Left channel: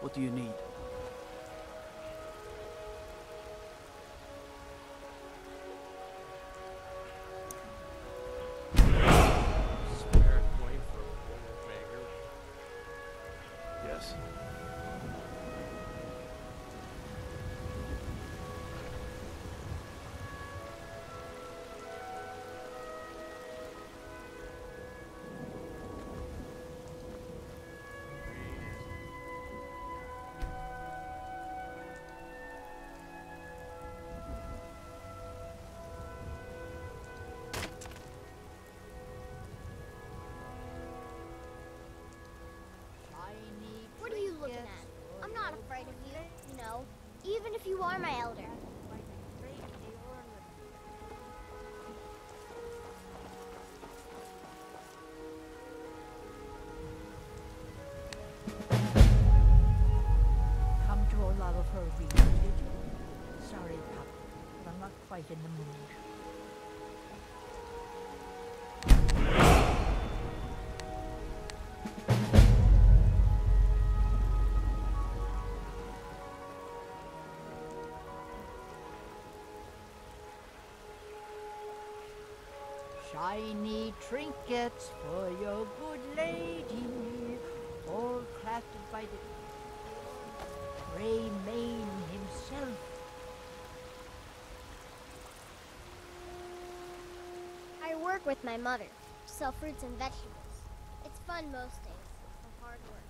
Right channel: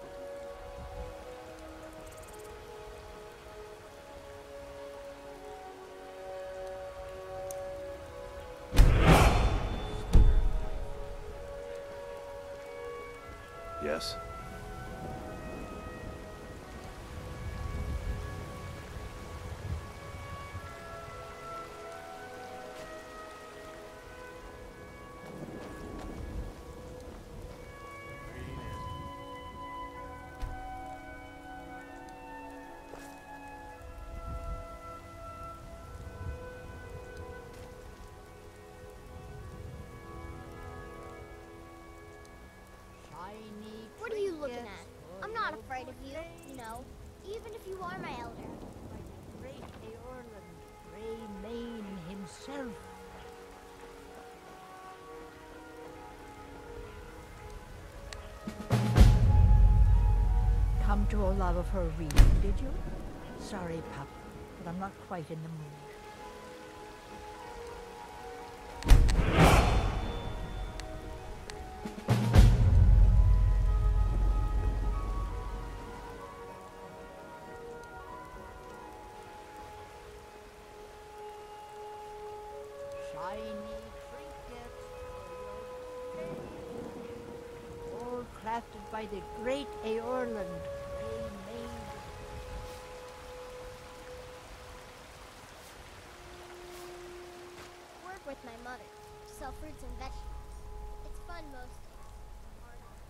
What do you need? Yes. What are you looking at? I'm not afraid of you, you know, even if you are my elder. Come to Olaf of her reading, did you? Sorry, pup, but I'm not quite in the mood. Shiny trinkets for your good lady, all crafted by the great Eorlund, Grey Mane himself. I work with my mother, sell fruits and vegetables. It's fun most days, but hard work.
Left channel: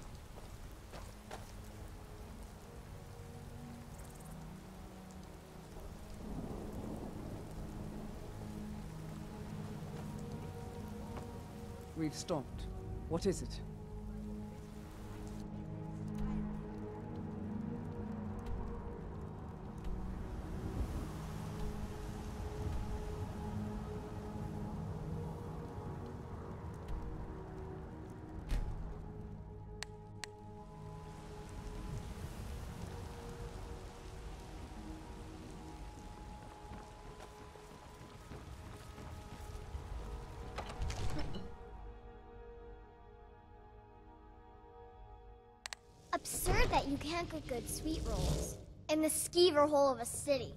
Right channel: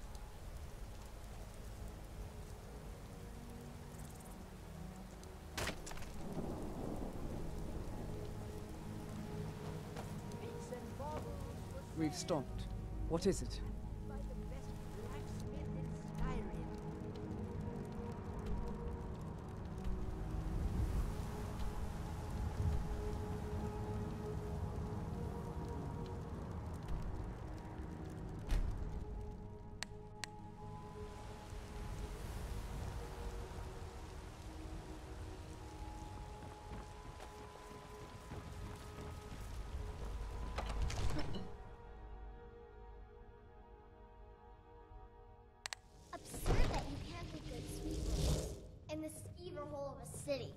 We've stopped. What is it? By the best blacksmith in Skyrim. Absurd that you can't get good sweet rolls in the skeever hole of a city.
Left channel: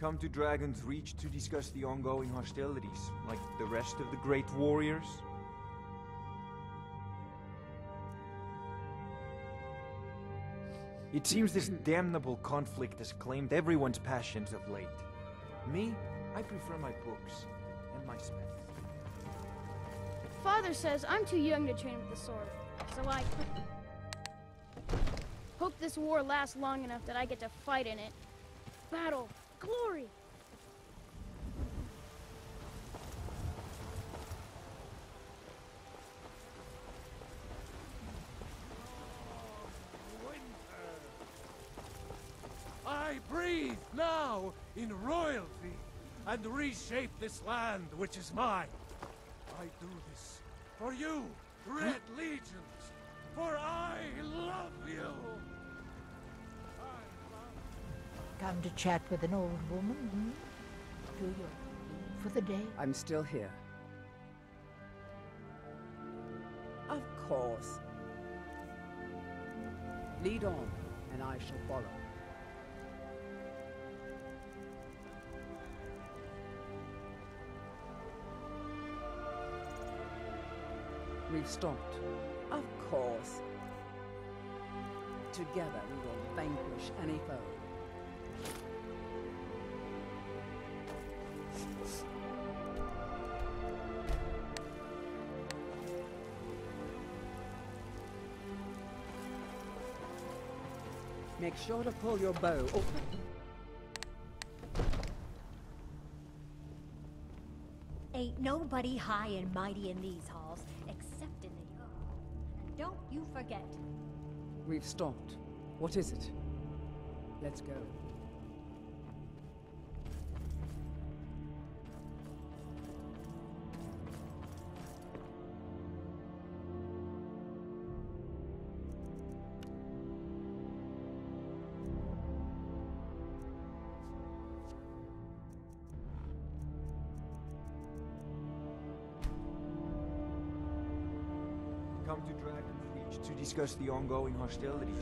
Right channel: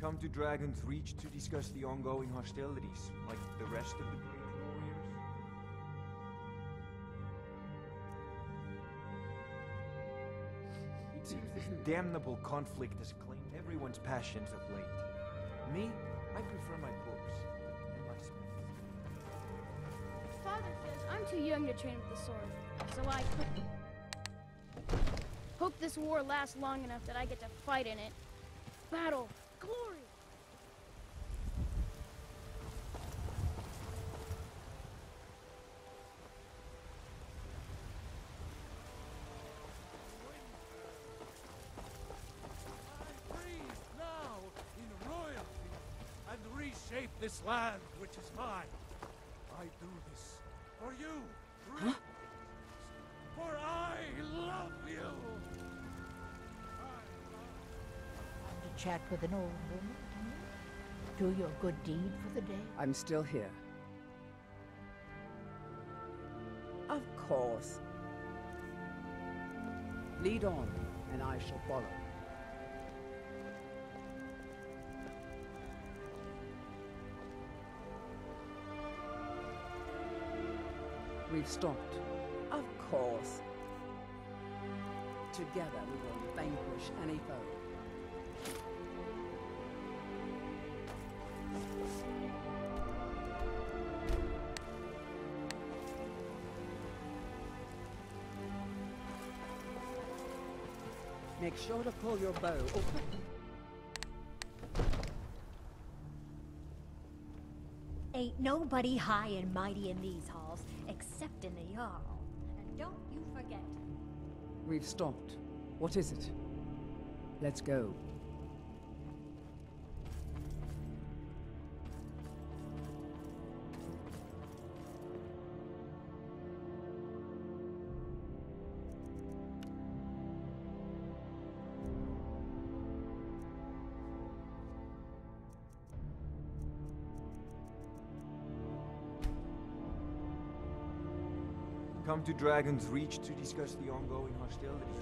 Come to Dragon's Reach to discuss the ongoing hostilities, like the rest of the great warriors? It seems this damnable conflict has claimed everyone's passions of late. Me? I prefer my books and my smith. Father says I'm too young to train with the sword, so I hope this war lasts long enough that I get to fight in it. Battle, glory! I breathe now in royalty and reshape this land which is mine. I do this for you, Red Legions, for I love you. Come to chat with an old woman, Do your good deed for the day? I'm still here. Of course. Lead on, and I shall follow. We've stopped. Of course. Together we will vanquish any foe. Make sure to pull your bow. Oh. Ain't nobody high and mighty in these halls, except in the Jarl. And don't you forget. We've stopped. What is it? Let's go. come to Dragon's Reach to discuss the ongoing hostilities.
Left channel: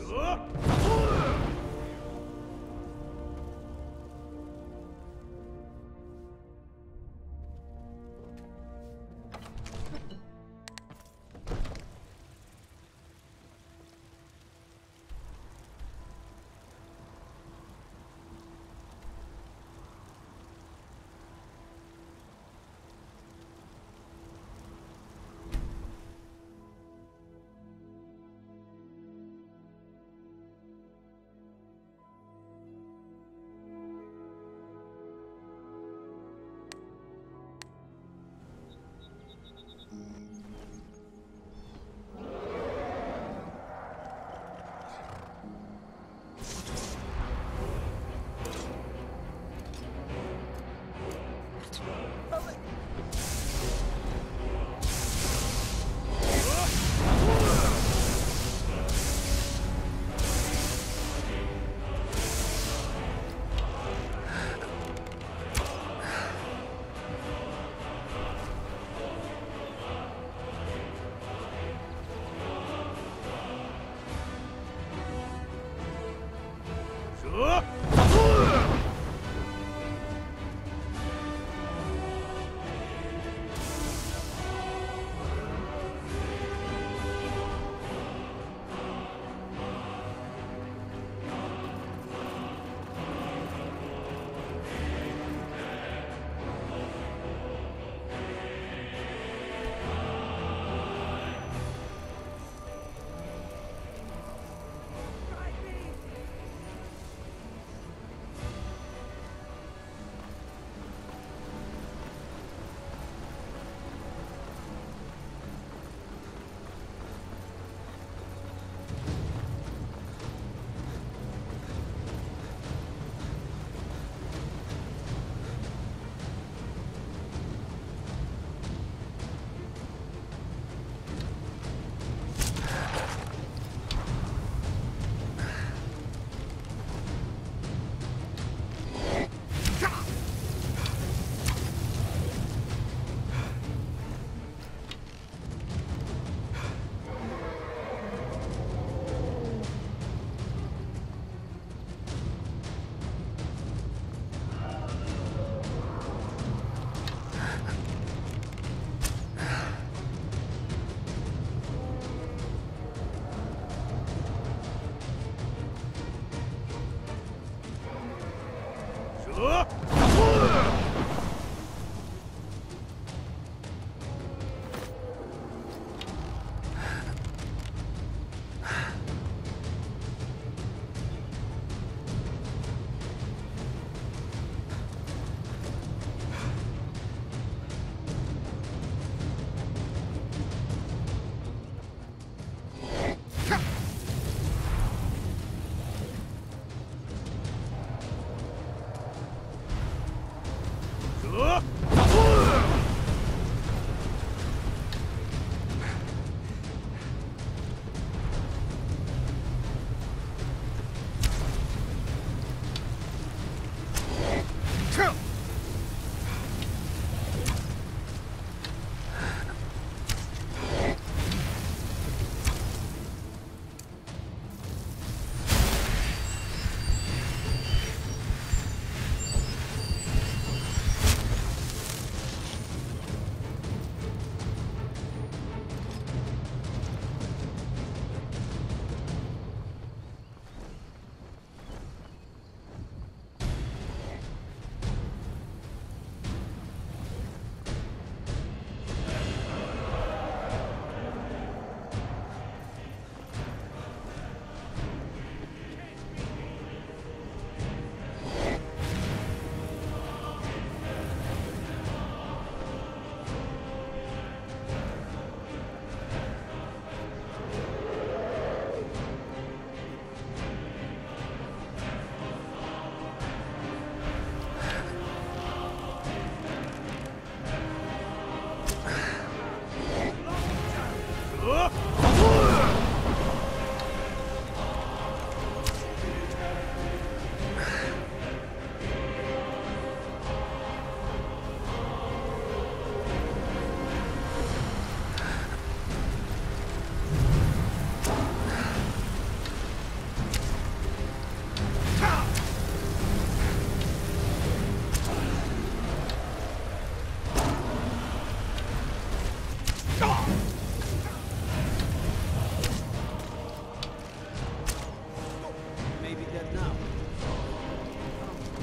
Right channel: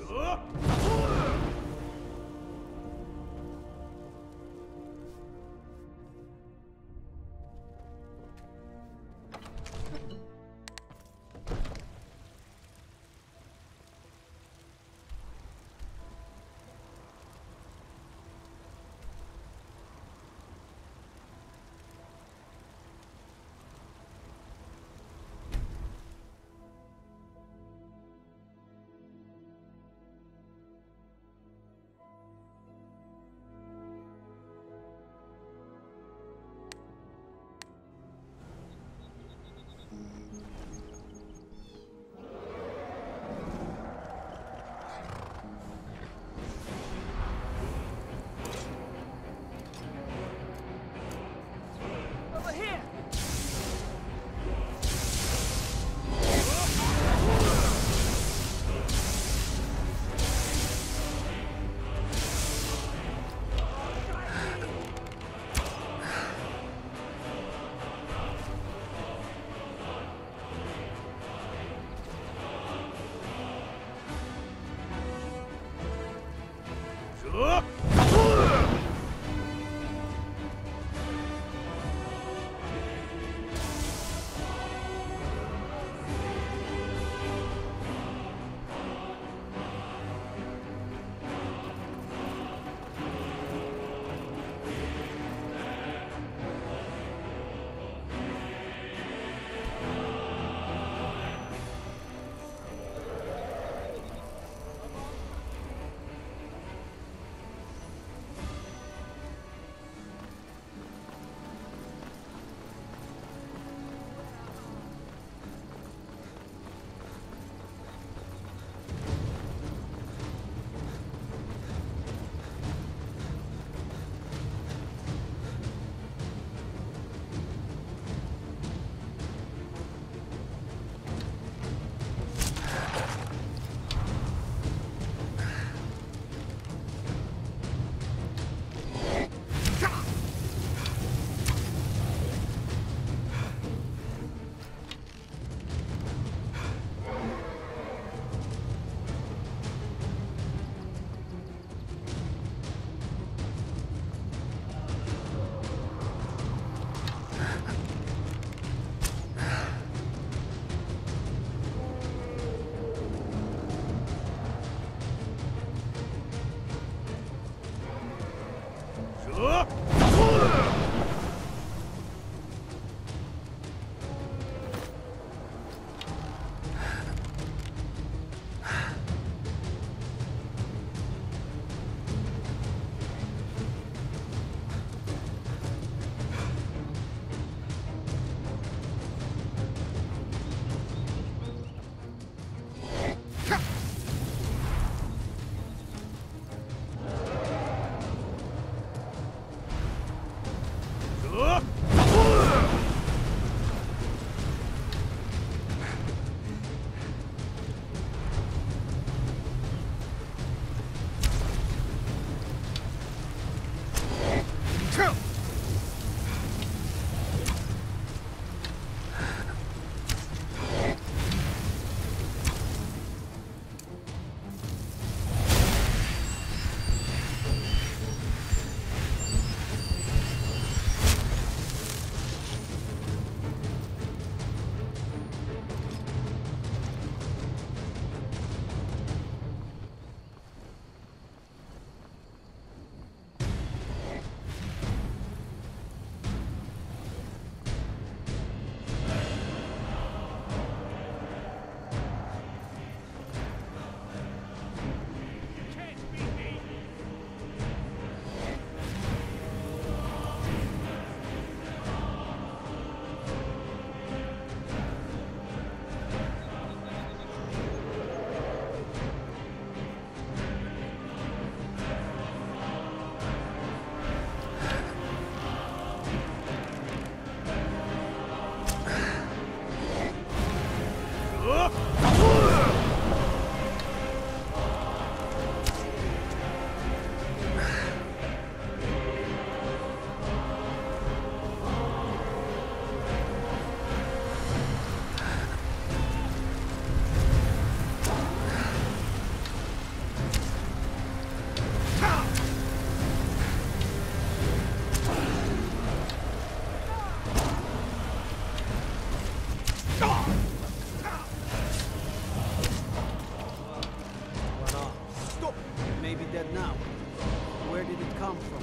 come from?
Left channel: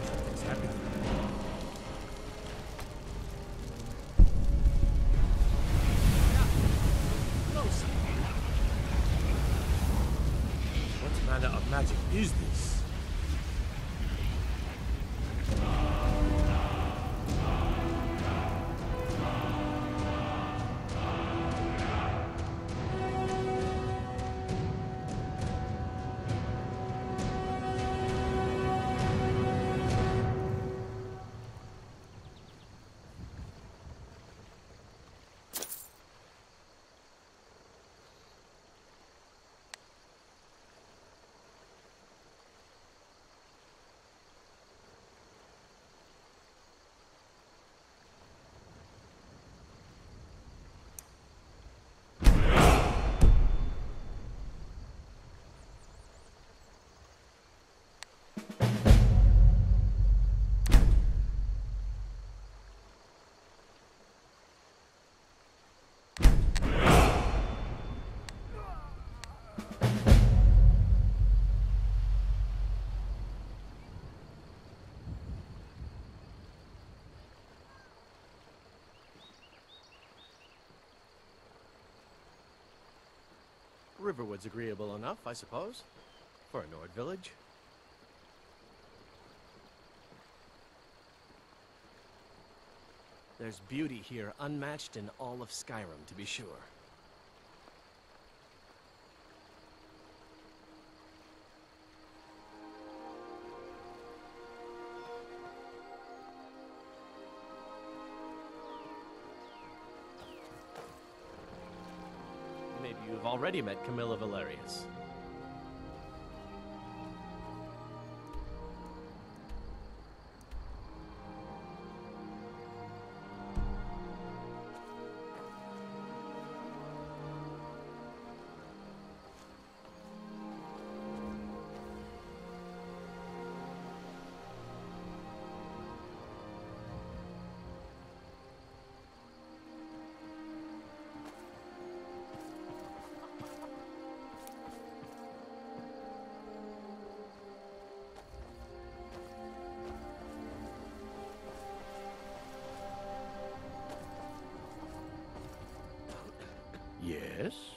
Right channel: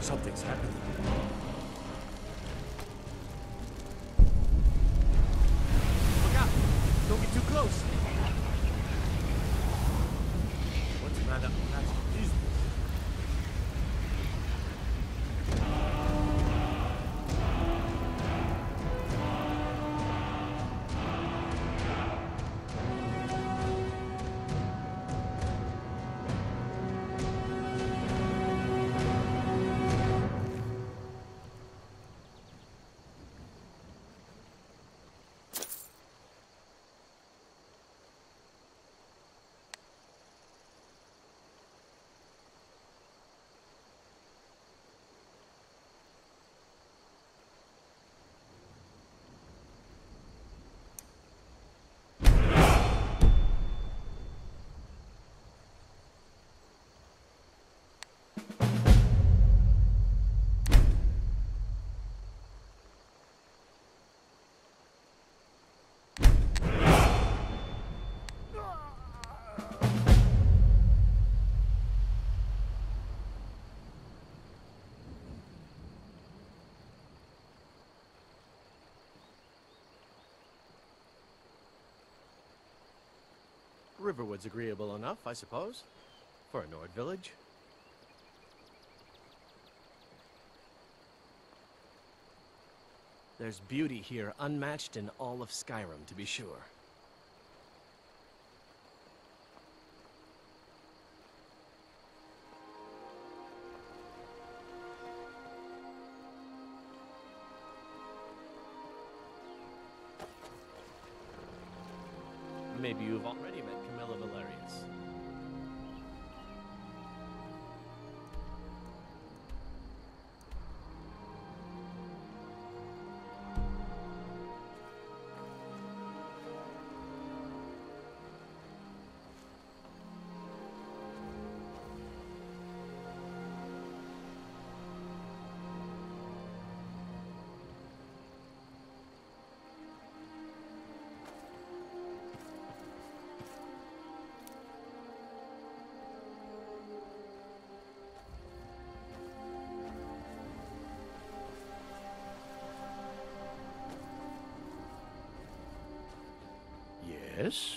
Something's happening. Look out! Don't be too close! What manner of magic is this? Riverwood's agreeable enough, I suppose, for a Nord village. There's beauty here unmatched in all of Skyrim, to be sure. Maybe you've already met Camilla Valerius. Yes?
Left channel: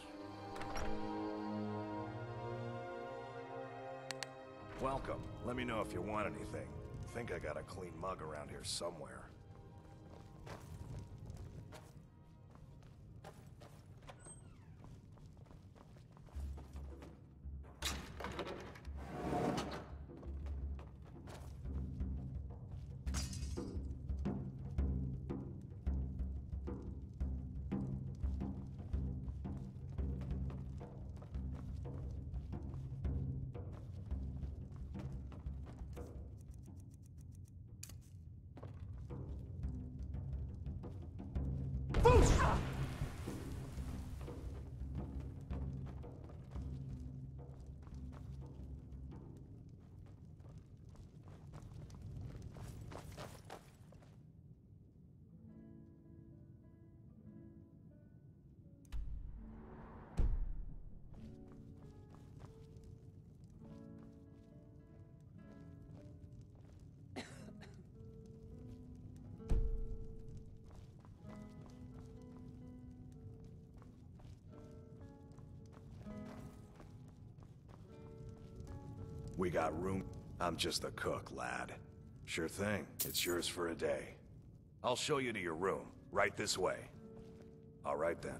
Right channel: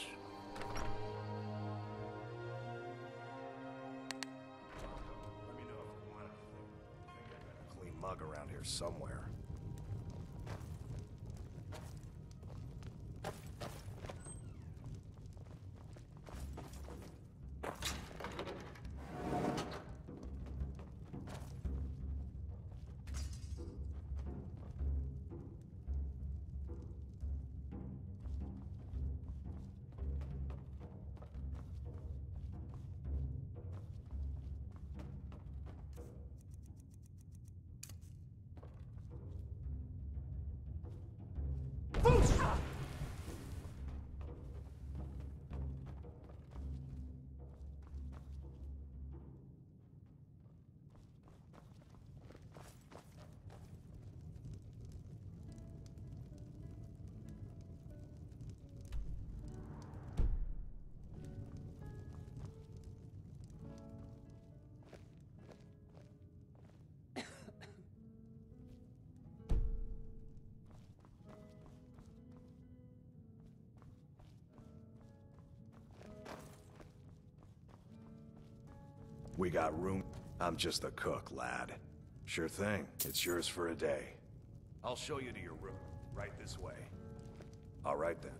Welcome. Let me know if you want anything. Think I got a clean mug around here somewhere. We got room. I'm just the cook, lad. Sure thing. It's yours for a day. I'll show you to your room. Right this way. All right then.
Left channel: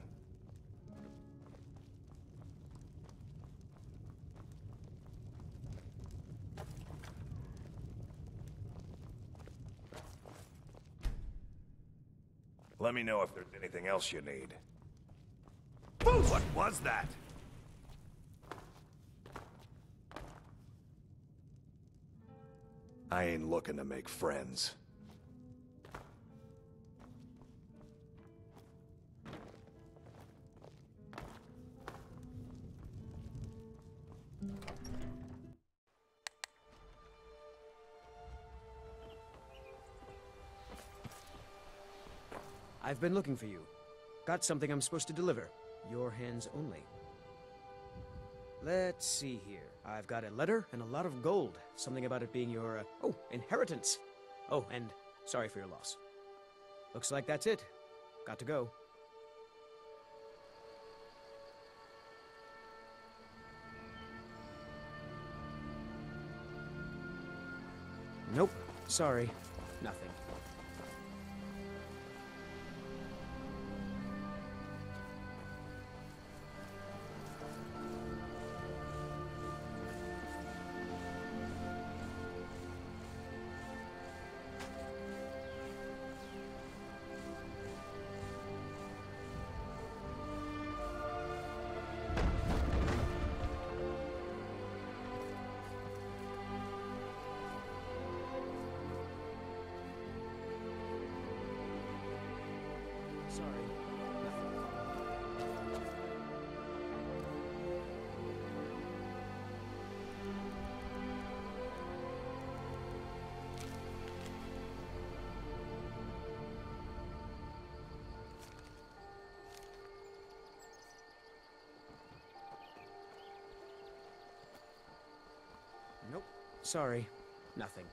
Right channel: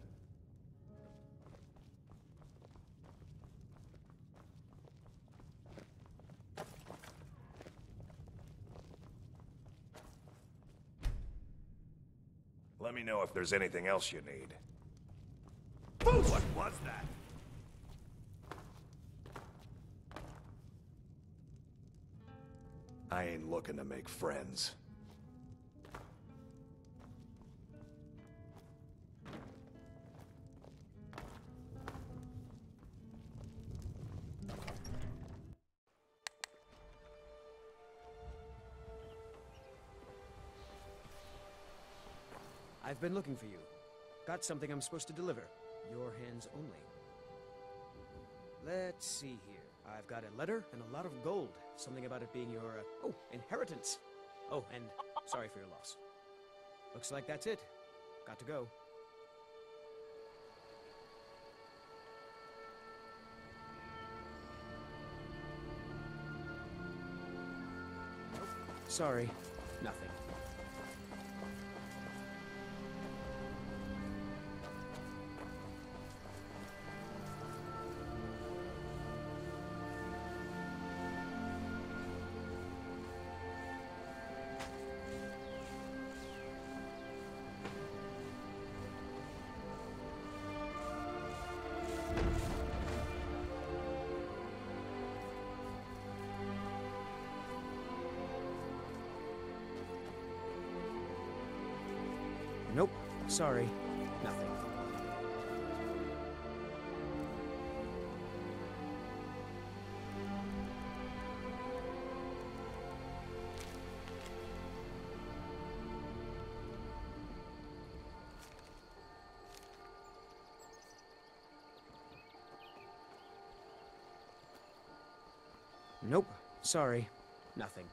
Let me know if there's anything else you need. What was that? I ain't looking to make friends. I've been looking for you. Got something I'm supposed to deliver. Your hands only. Let's see here. I've got a letter and a lot of gold. Something about it being your, inheritance. Oh, and sorry for your loss. Looks like that's it. Got to go. Nope. Sorry. Nothing. Nope. Sorry. Nothing. Nope. Sorry. Nothing.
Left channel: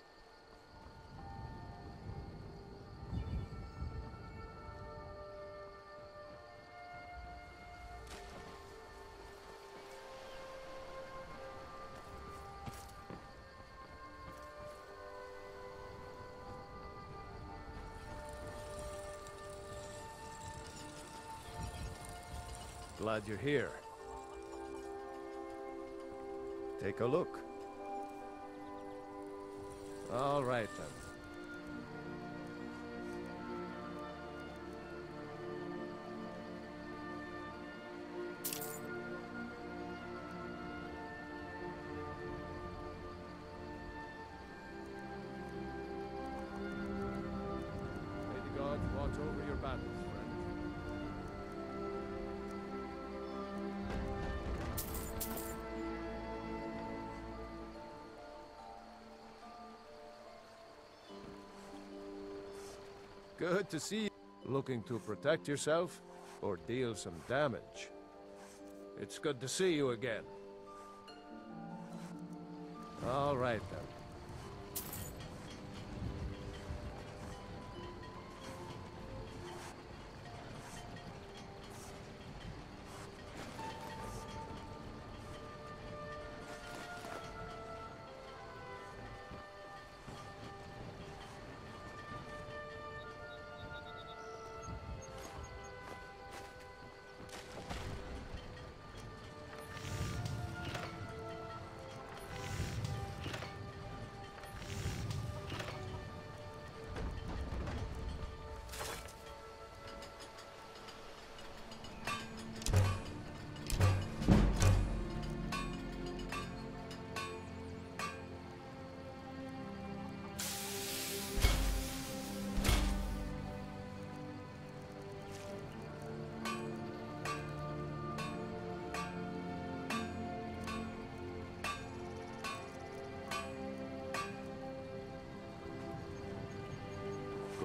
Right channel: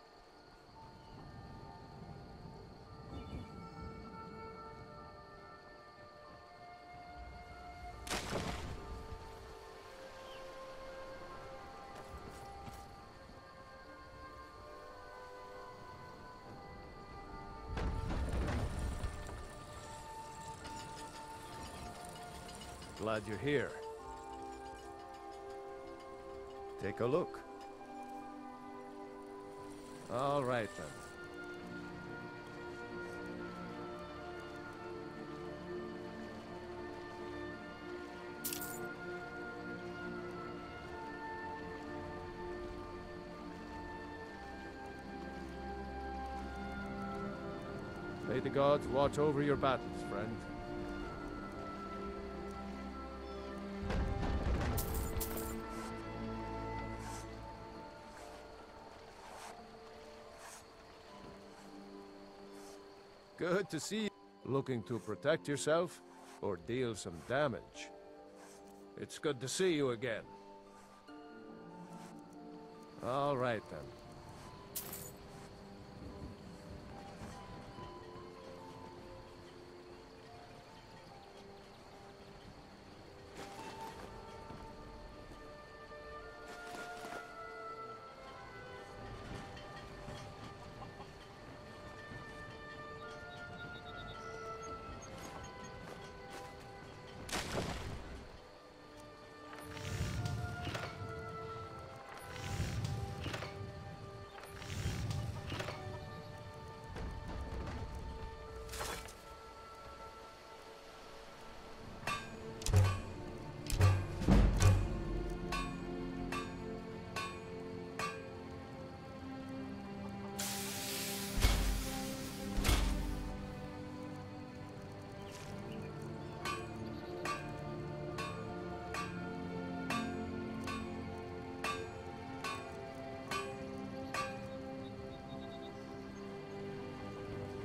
Glad you're here. Take a look. All right, then. May the gods watch over your battles, friend. Good to see you. Looking to protect yourself or deal some damage? It's good to see you again. All right, then.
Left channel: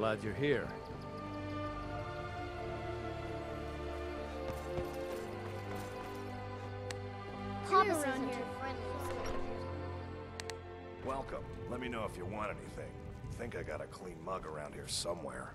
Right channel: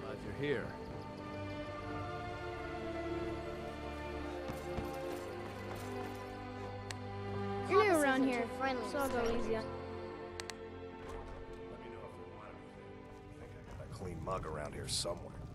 Glad you're here. You're Papa's around isn't here. too friendly, So I'll so- go easy. Welcome. Let me know if you want anything. Think I got a clean mug around here somewhere.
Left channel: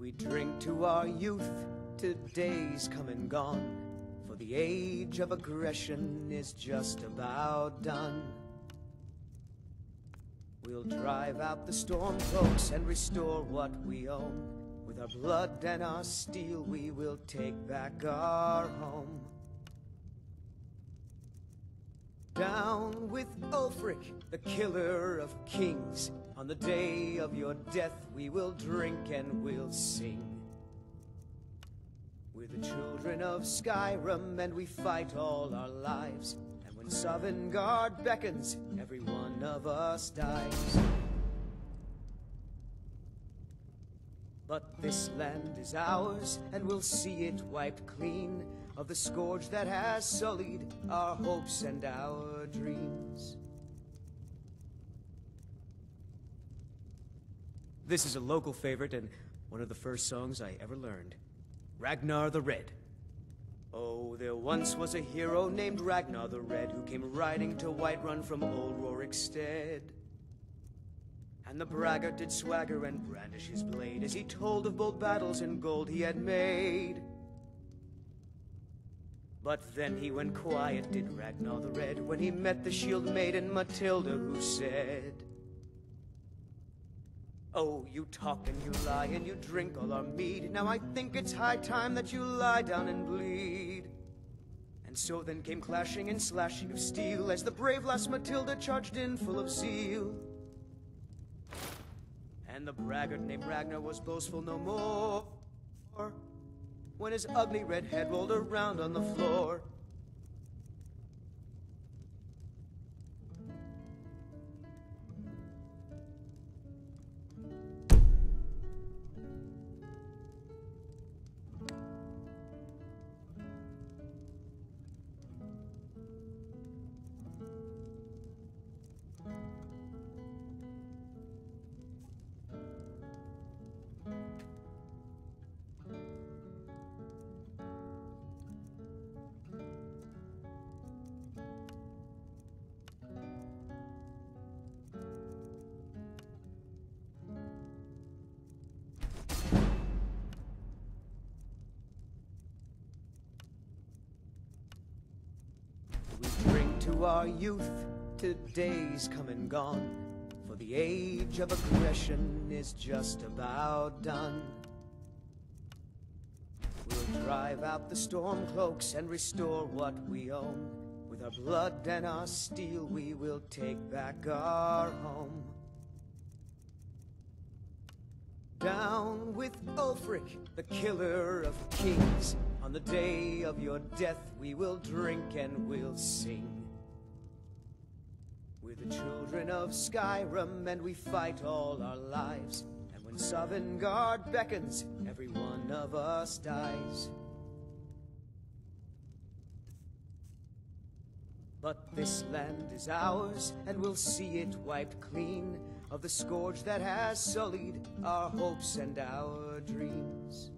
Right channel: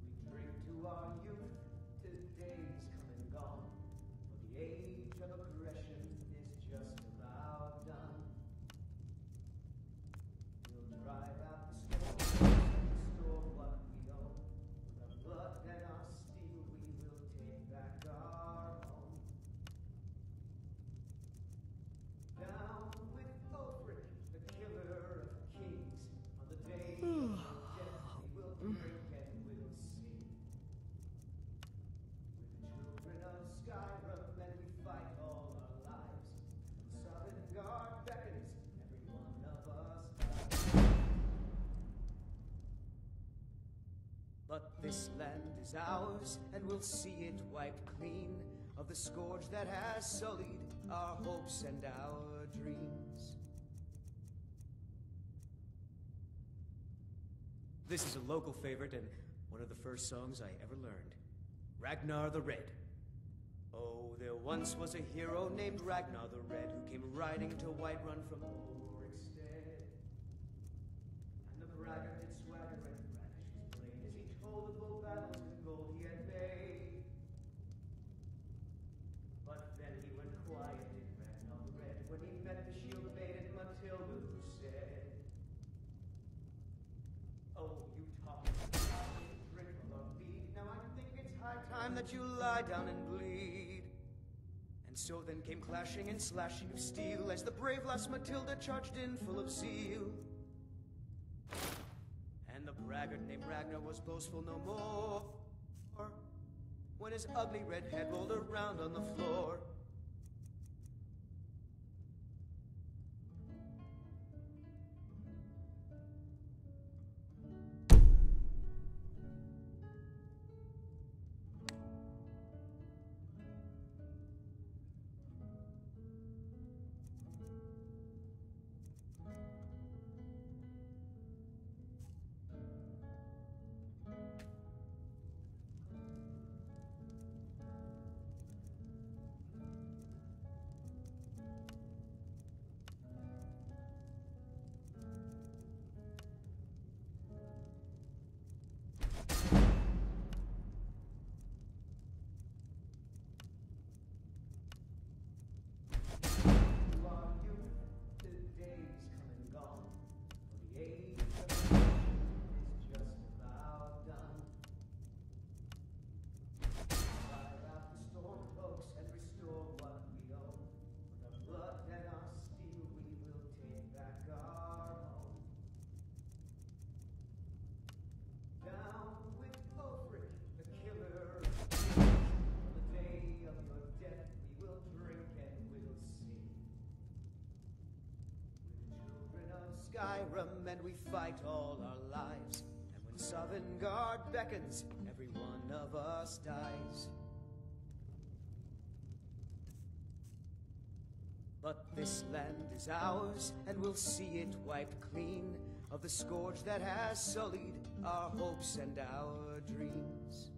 We drink to our youth, to days come and gone, for the age of aggression is just about done. We'll drive out the storm cloaks and restore what we own. With our blood and our steel, we will take back our home. Down with Ulfric, the killer of kings. On the day of your death, we will drink and we'll sing. We're the children of Skyrim, and we fight all our lives. And when Sovngarde beckons, every one of us dies. But this land is ours, and we'll see it wiped clean of the scourge that has sullied our hopes and our dreams. This is a local favorite and one of the first songs I ever learned. Ragnar the Red. Oh, there once was a hero named Ragnar the Red who came riding to Whiterun from old Rorikstead. And the braggart did swagger and brandish his blade as he told of bold battles and gold he had made. But then he went quiet, did Ragnar the Red, when he met the shield maiden Matilda, who said, "Oh, you talk and you lie and you drink all our mead. Now I think it's high time that you lie down and bleed." And so then came clashing and slashing of steel as the brave lass Matilda charged in full of zeal. And the braggart named Ragnar was boastful no more when his ugly red head rolled around on the floor. To our youth, to days come and gone, for the age of aggression is just about done. We'll drive out the storm cloaks and restore what we own. With our blood and our steel, we will take back our home. Down with Ulfric, the killer of kings. On the day of your death, we will drink and we'll sing. We're the children of Skyrim, and we fight all our lives. And when Sovngarde beckons, every one of us dies. But this land is ours, and we'll see it wiped clean of the scourge that has sullied our hopes and our dreams.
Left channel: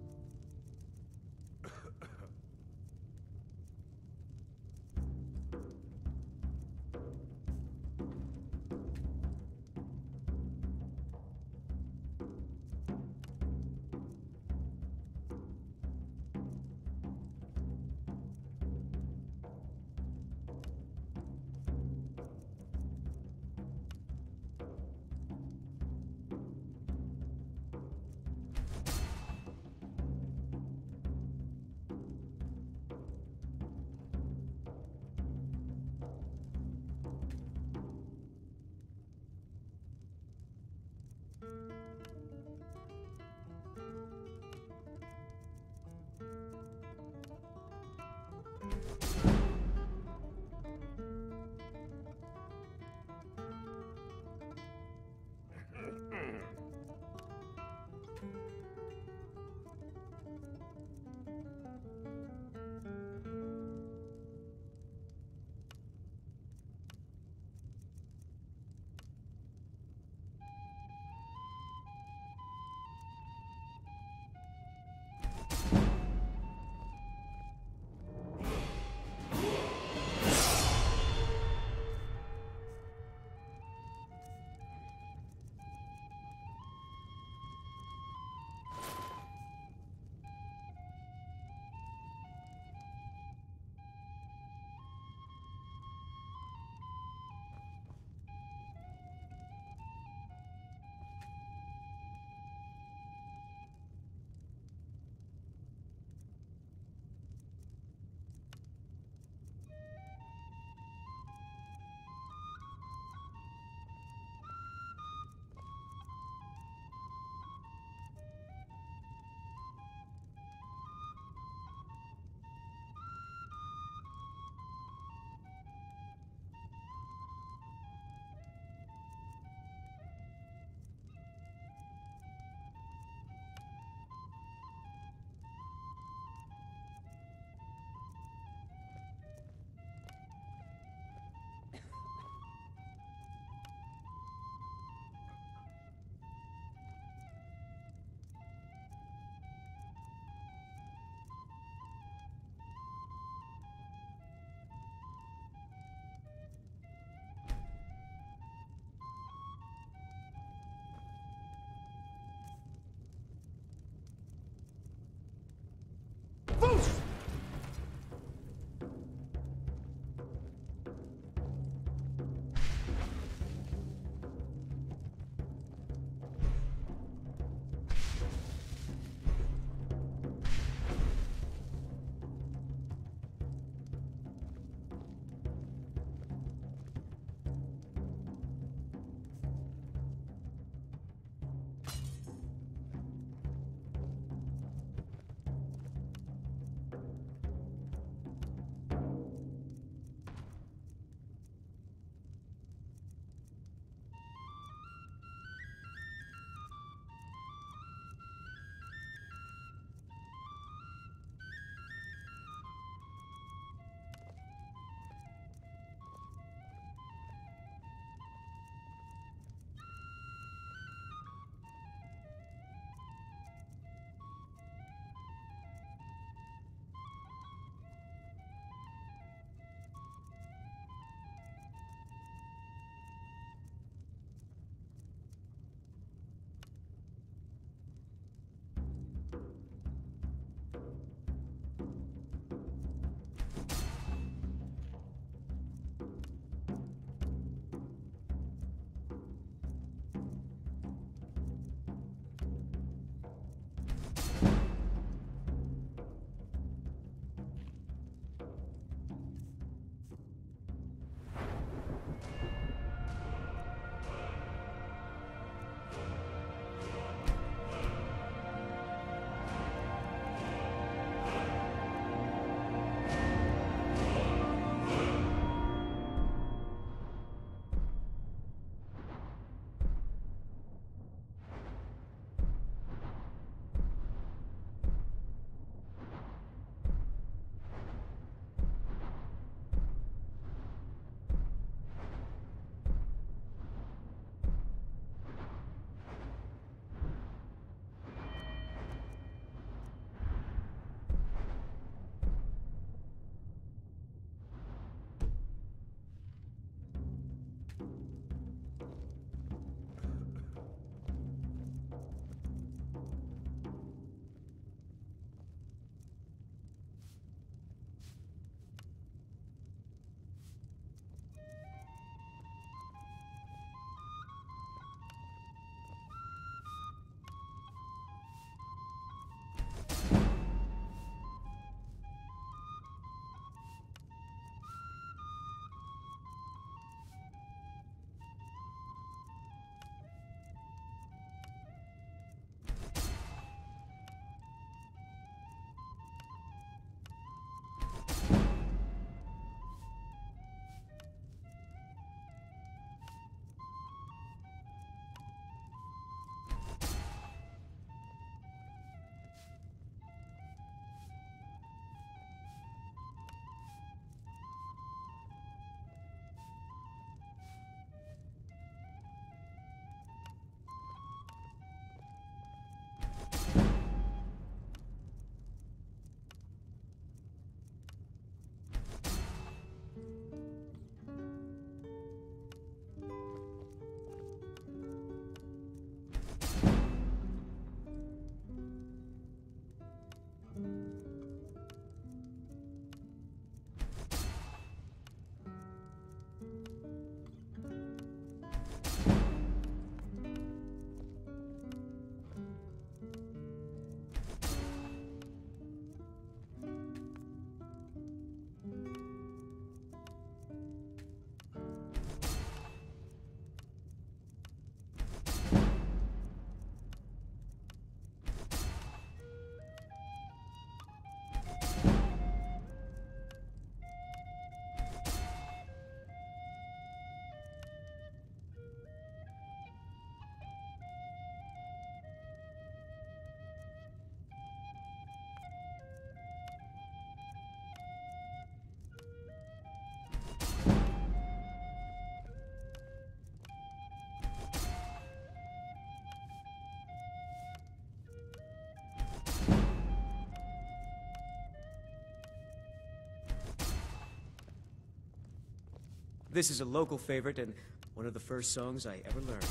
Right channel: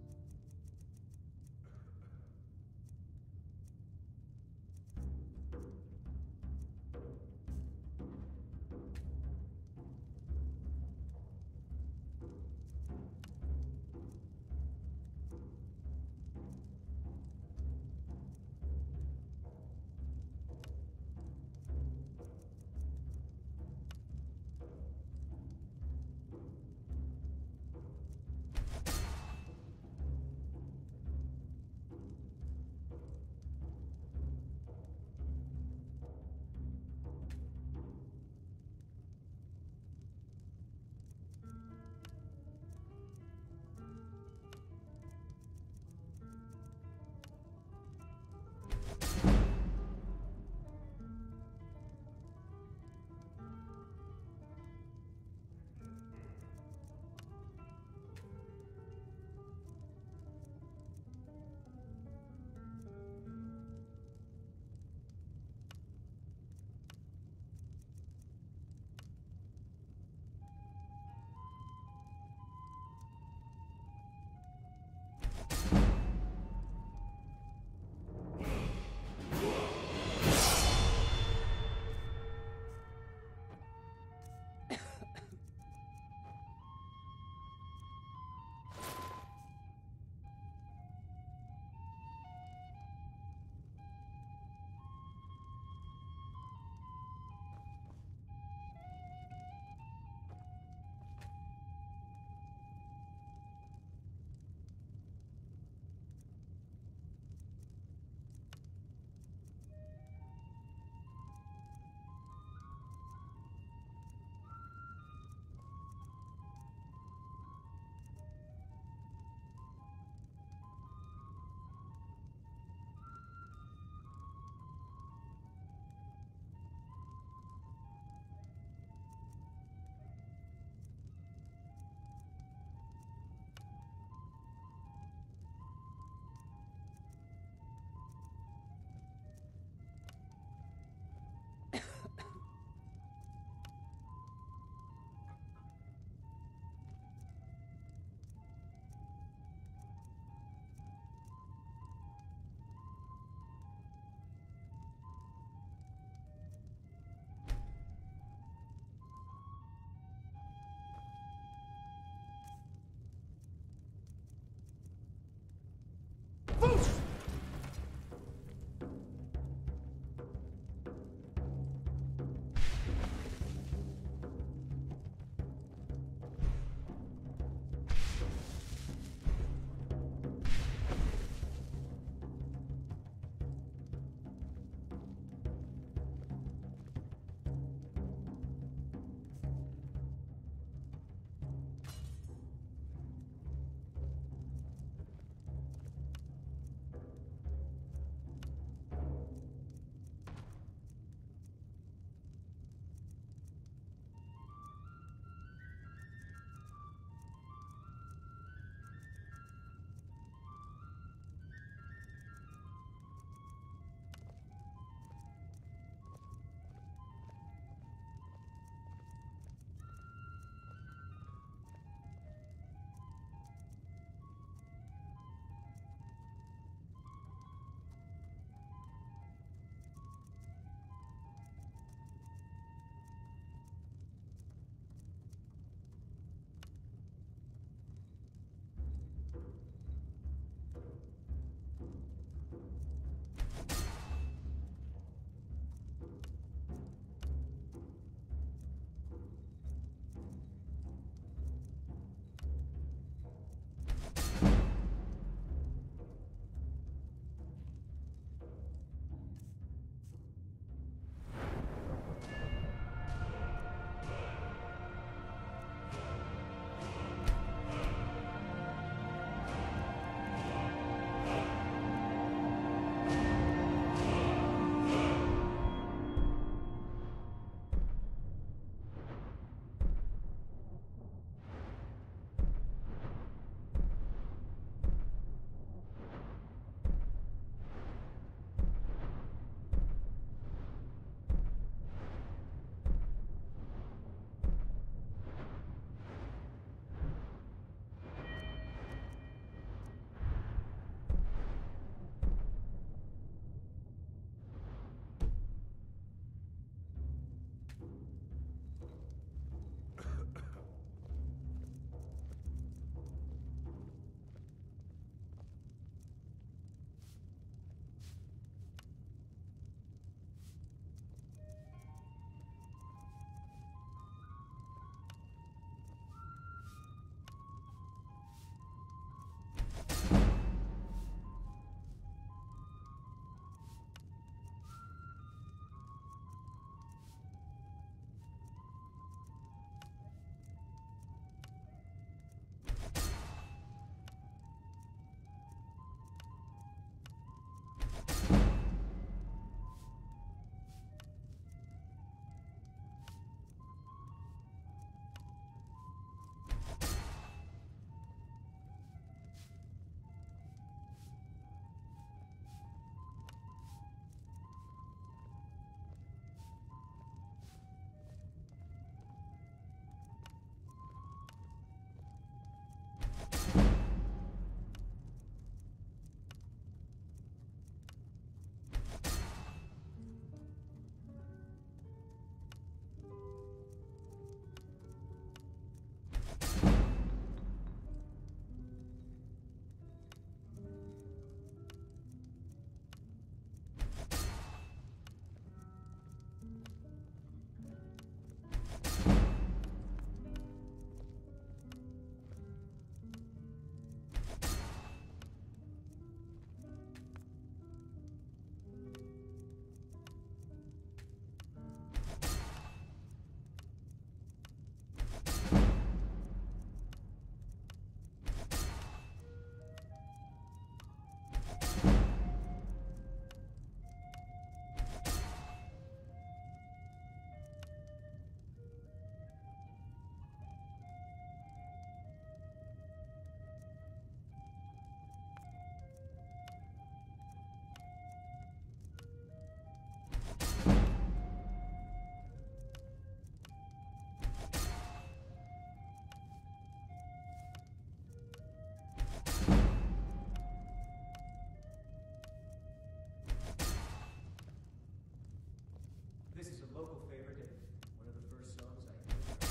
This is a local favorite and one of the first songs I ever learned.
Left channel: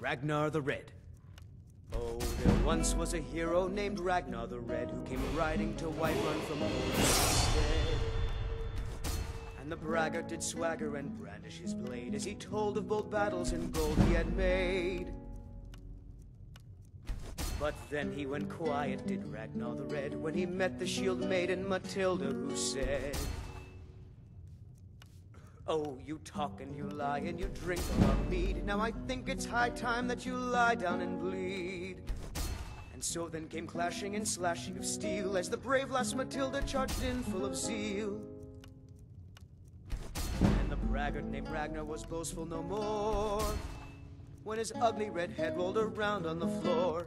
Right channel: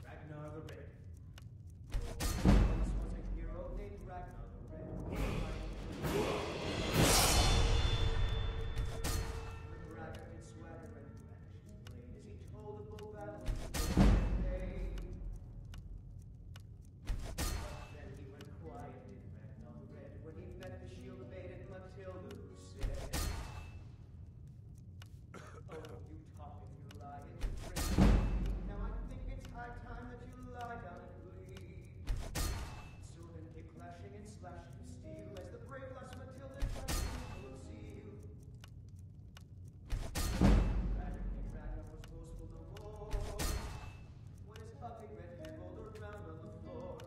Ragnar the Red. Oh, there once was a hero named Ragnar the Red who came riding to Whiterun from a and the braggart did swagger and brandish his blade as he told of bold battles and gold he had made. But then he went quiet, did Ragnar the Red, when he met the shield maiden Matilda, who said, "Oh, you talk and you lie and you drink and mead. Now I think it's high time that you lie down and bleed." And so then came clashing and slashing of steel as the brave lass Matilda charged in full of zeal. And the braggart named Ragnar was boastful no more when his ugly red head rolled around on the floor.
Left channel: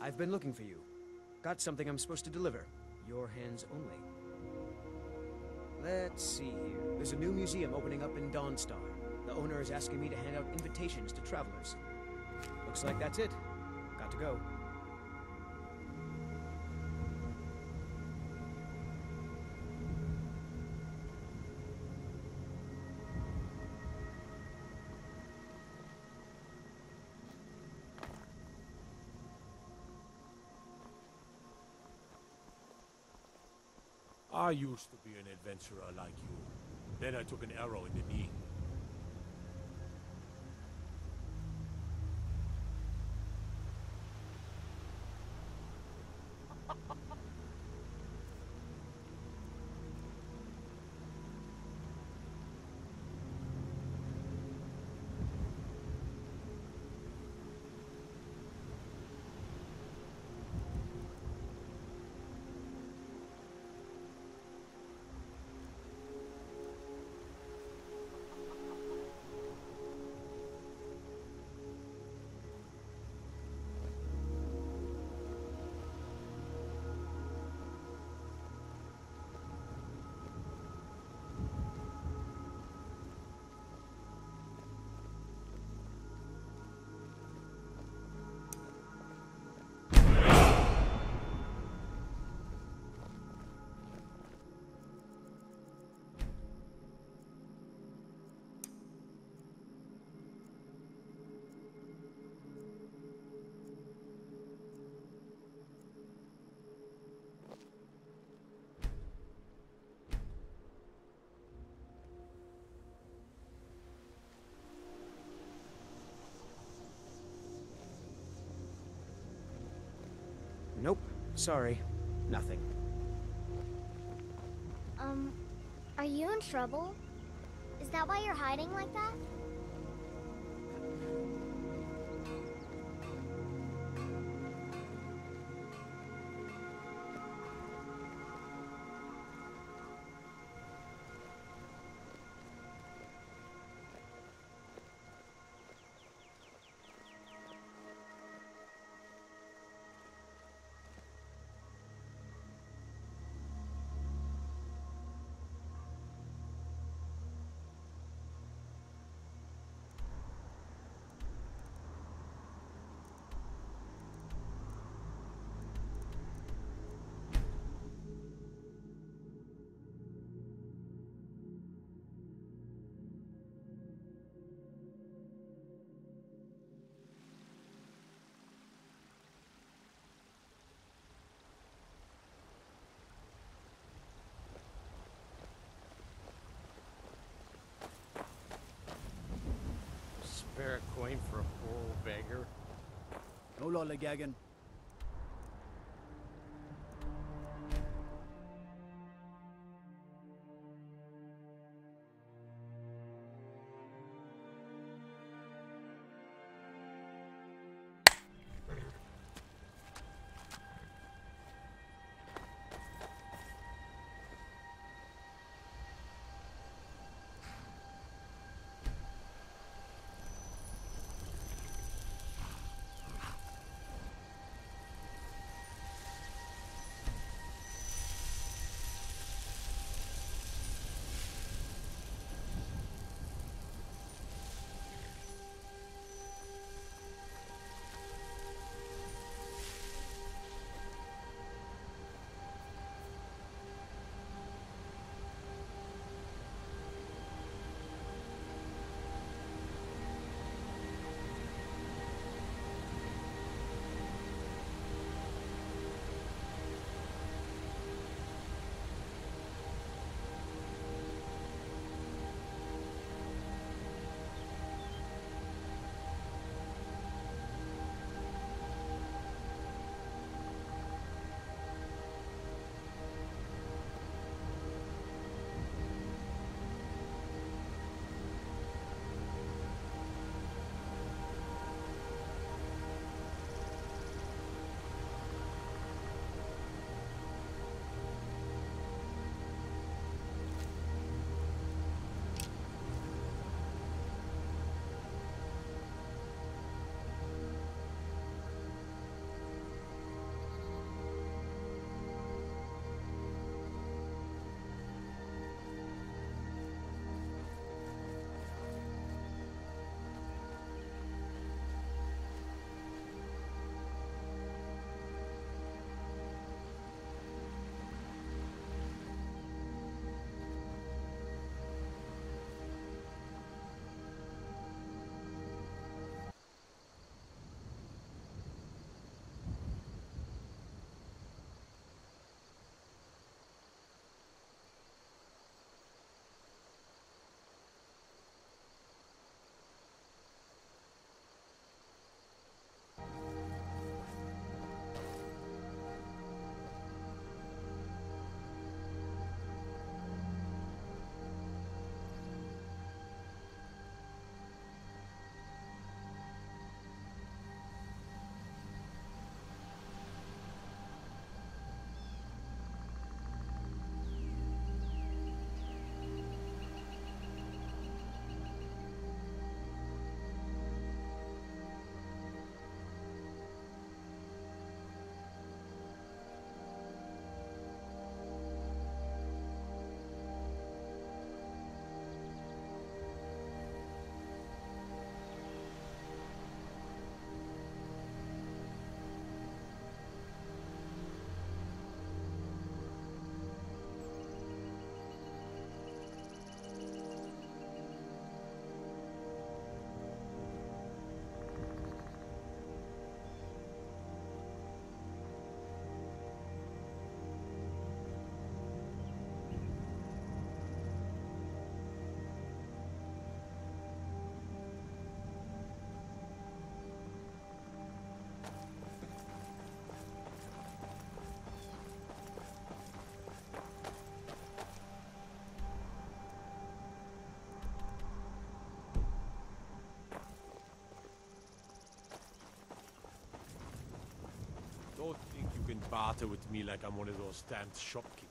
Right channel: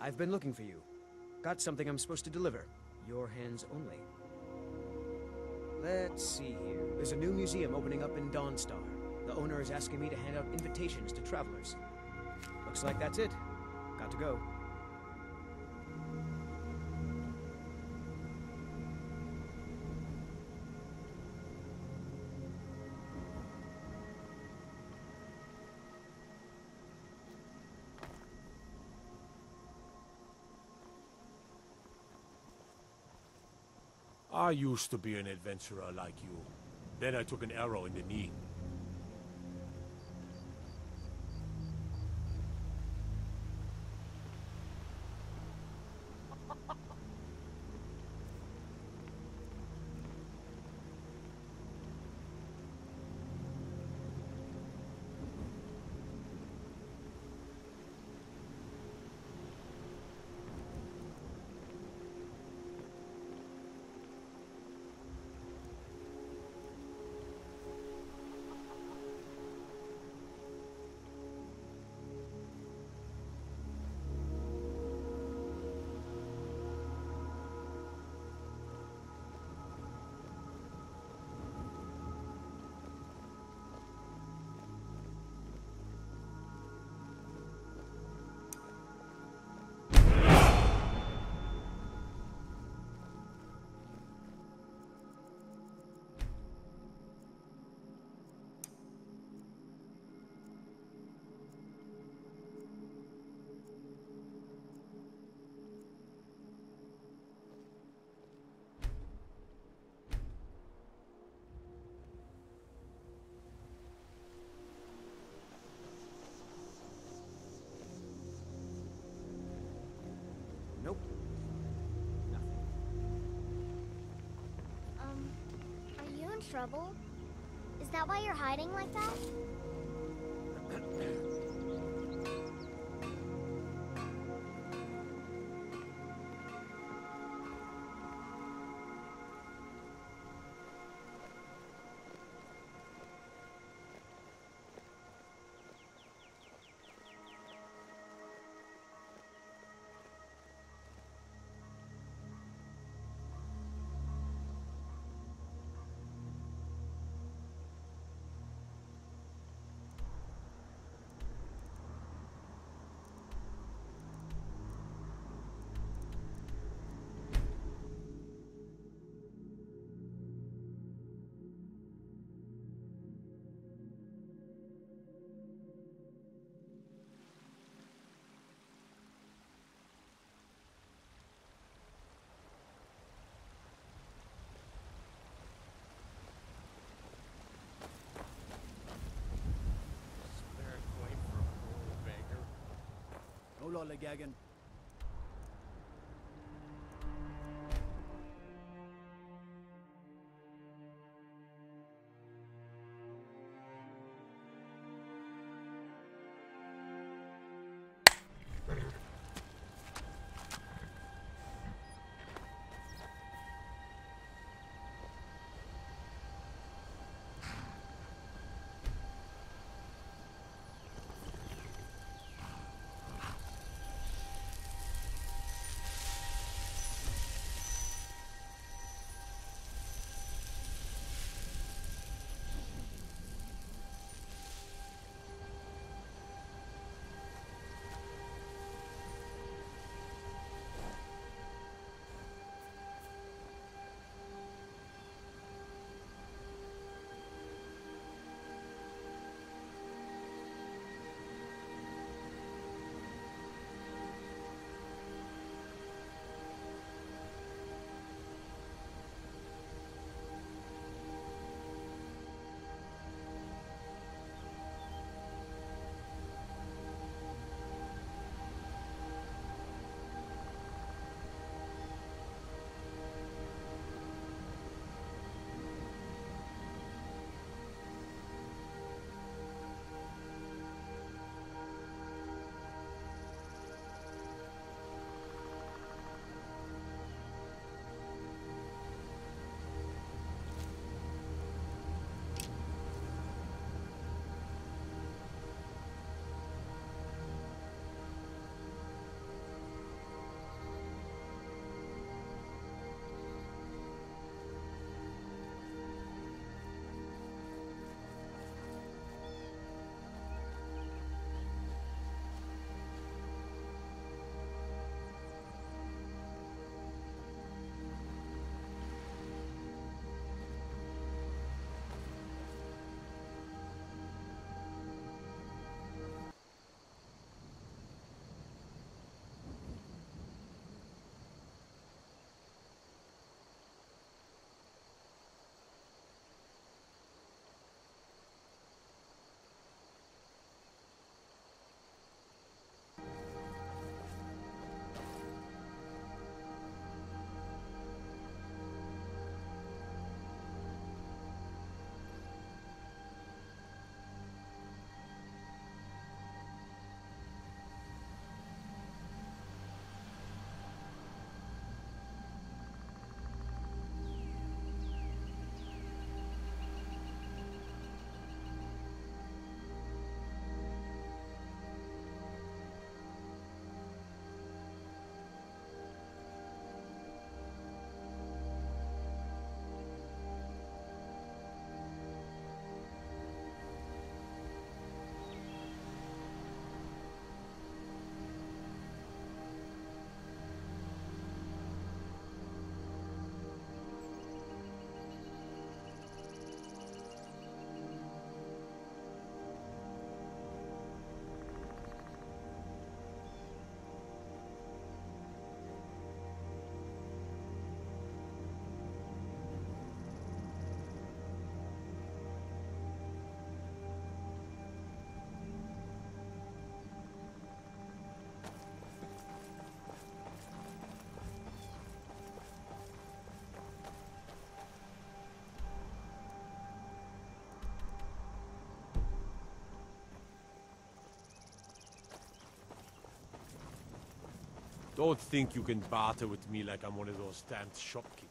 I've been looking for you. Got something I'm supposed to deliver. Your hands only. Let's see here. There's a new museum opening up in Dawnstar. The owner is asking me to hand out invitations to travelers. Looks like that's it. Got to go. I used to be an adventurer like you. Then I took an arrow in the knee. Nope. Sorry. Nothing. Are you in trouble? Is that why you're hiding like that? lollygagging. Don't think you can barter with me like I'm one of those damned shopkeepers.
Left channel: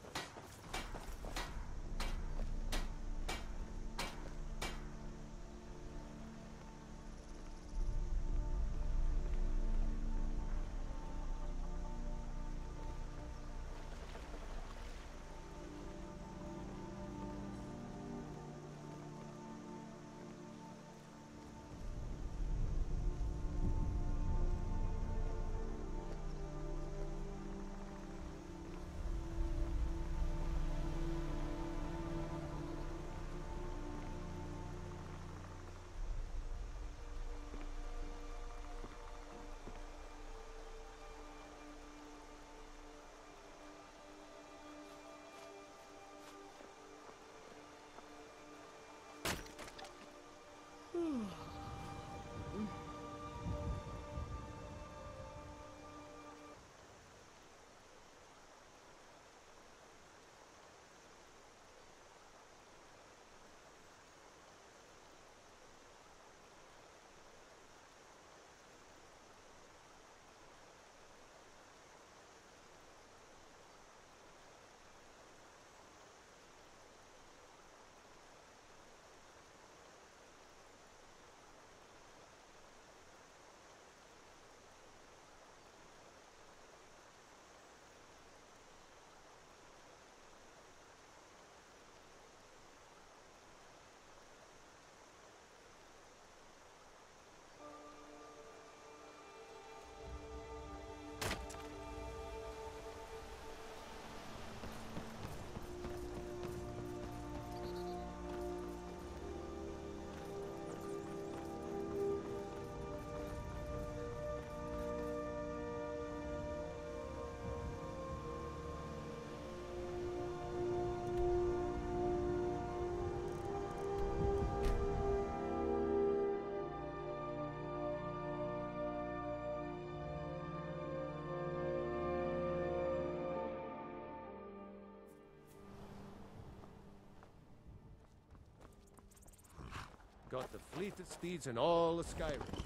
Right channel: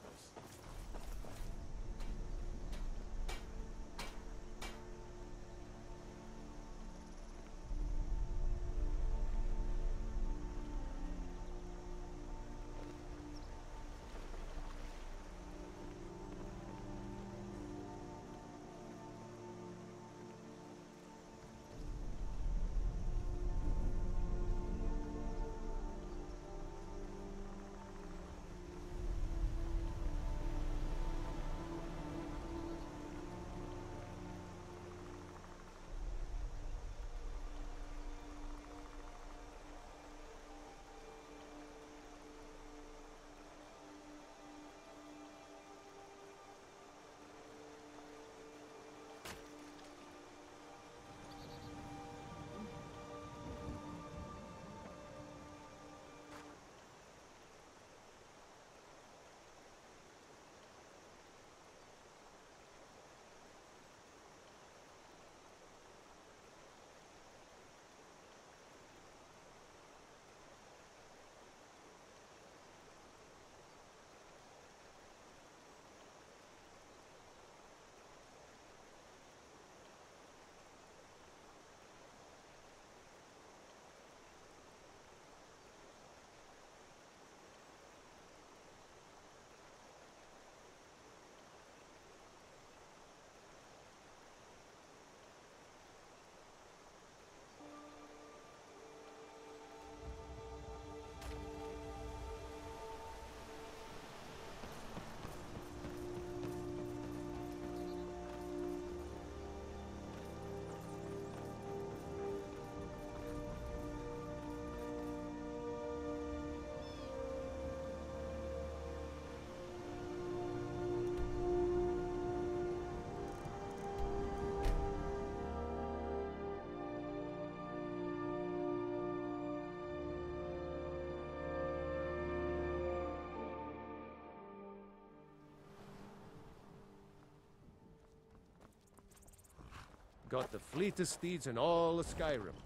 got the fleetest steeds in all of Skyrim.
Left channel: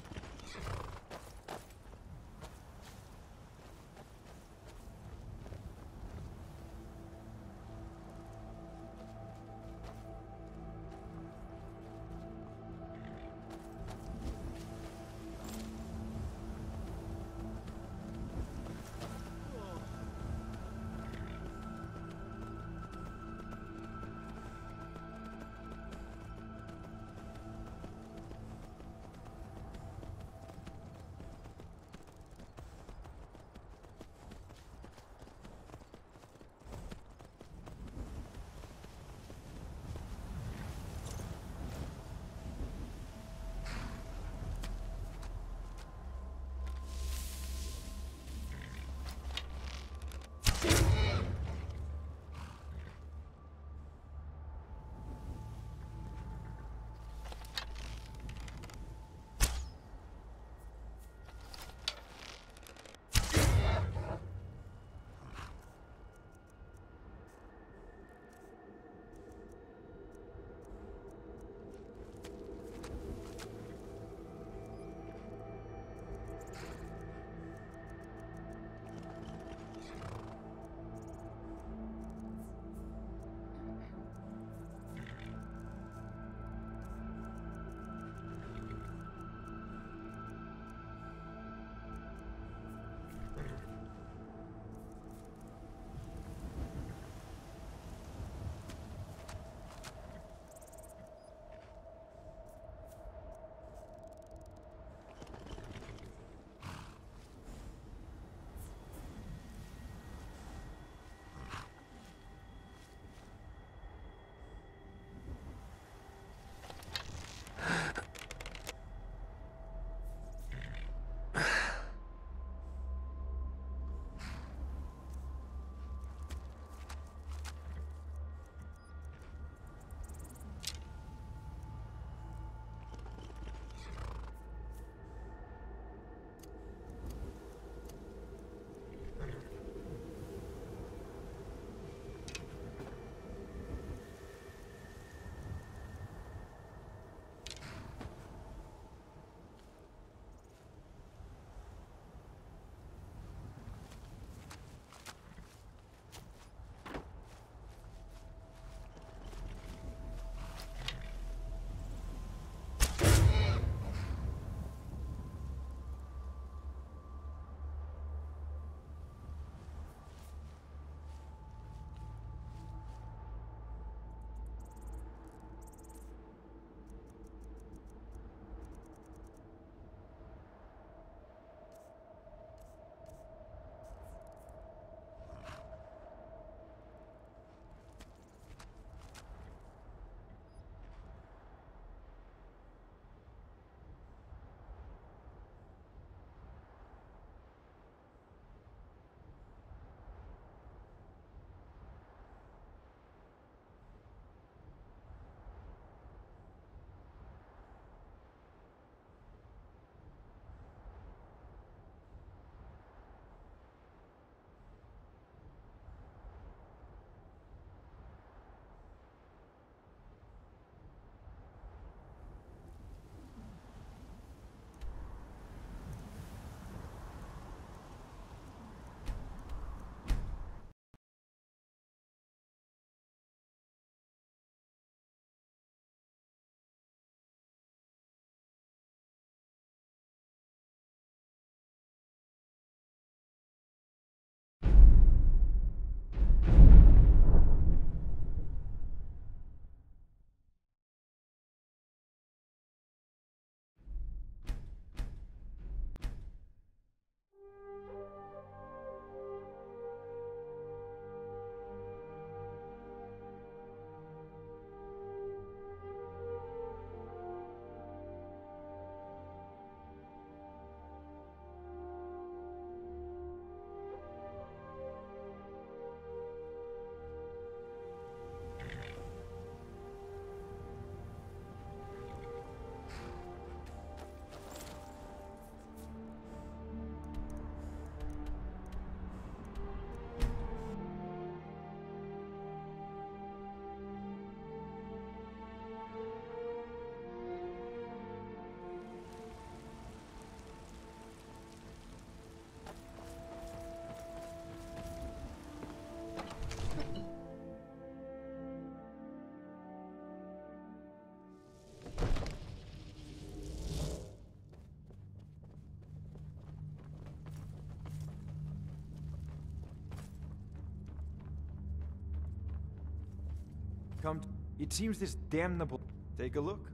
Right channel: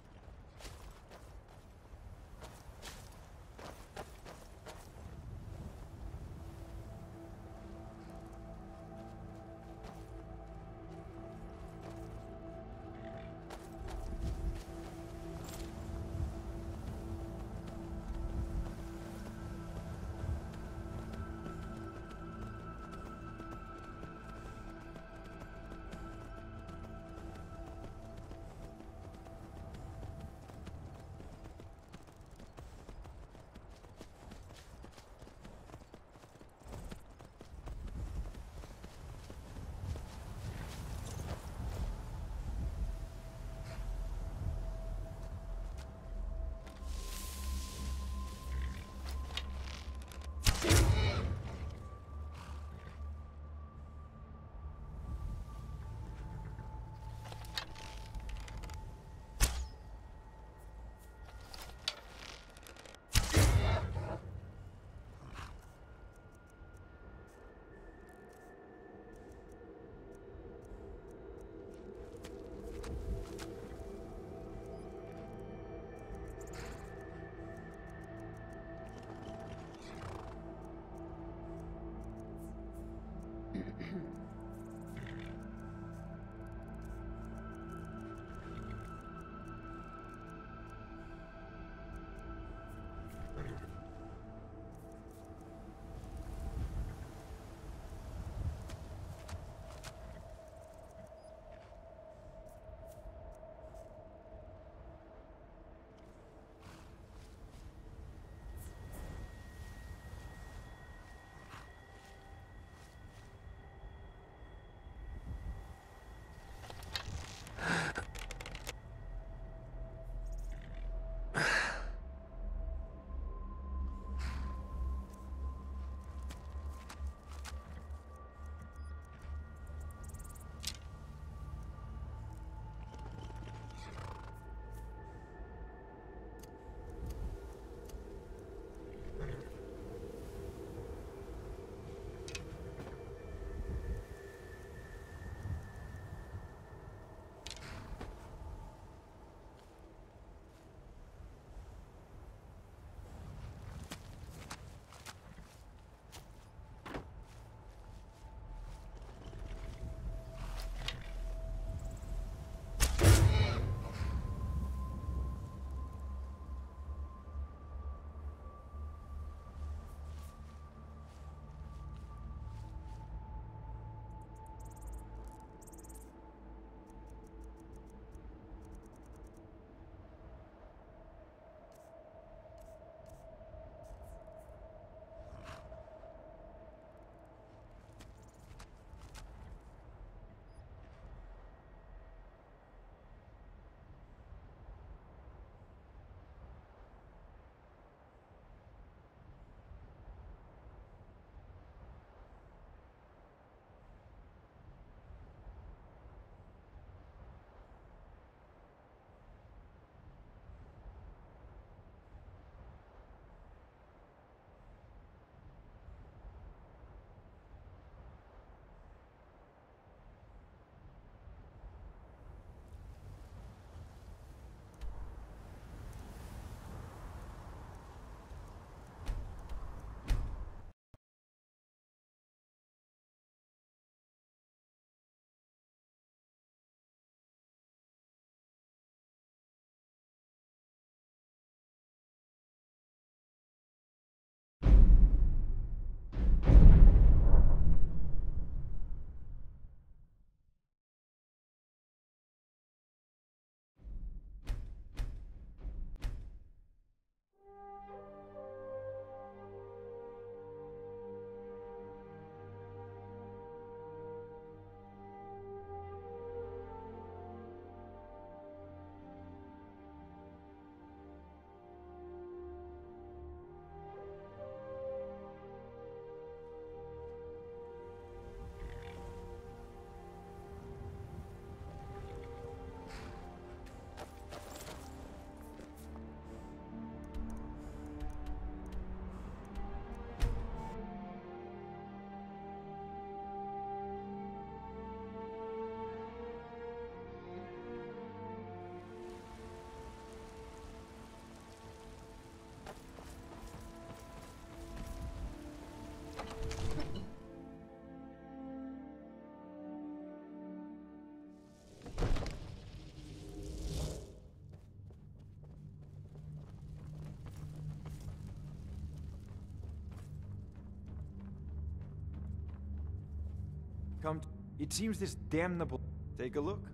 Come, it seems this damnable... Take a look.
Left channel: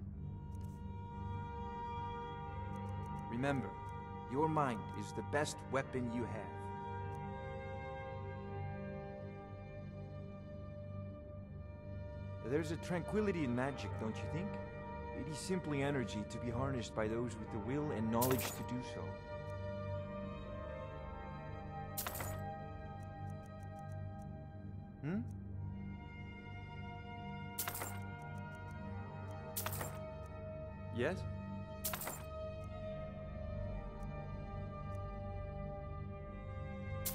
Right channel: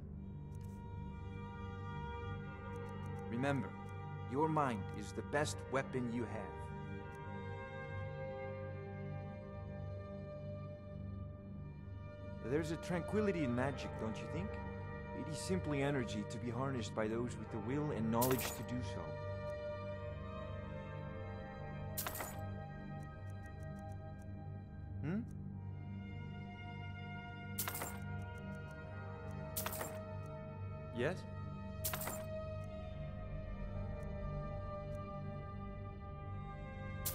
Remember, your mind is the best weapon you have. There's a tranquility in magic, don't you think? It is simply energy to be harnessed by those with the will and knowledge to do so. Hmm? Yes?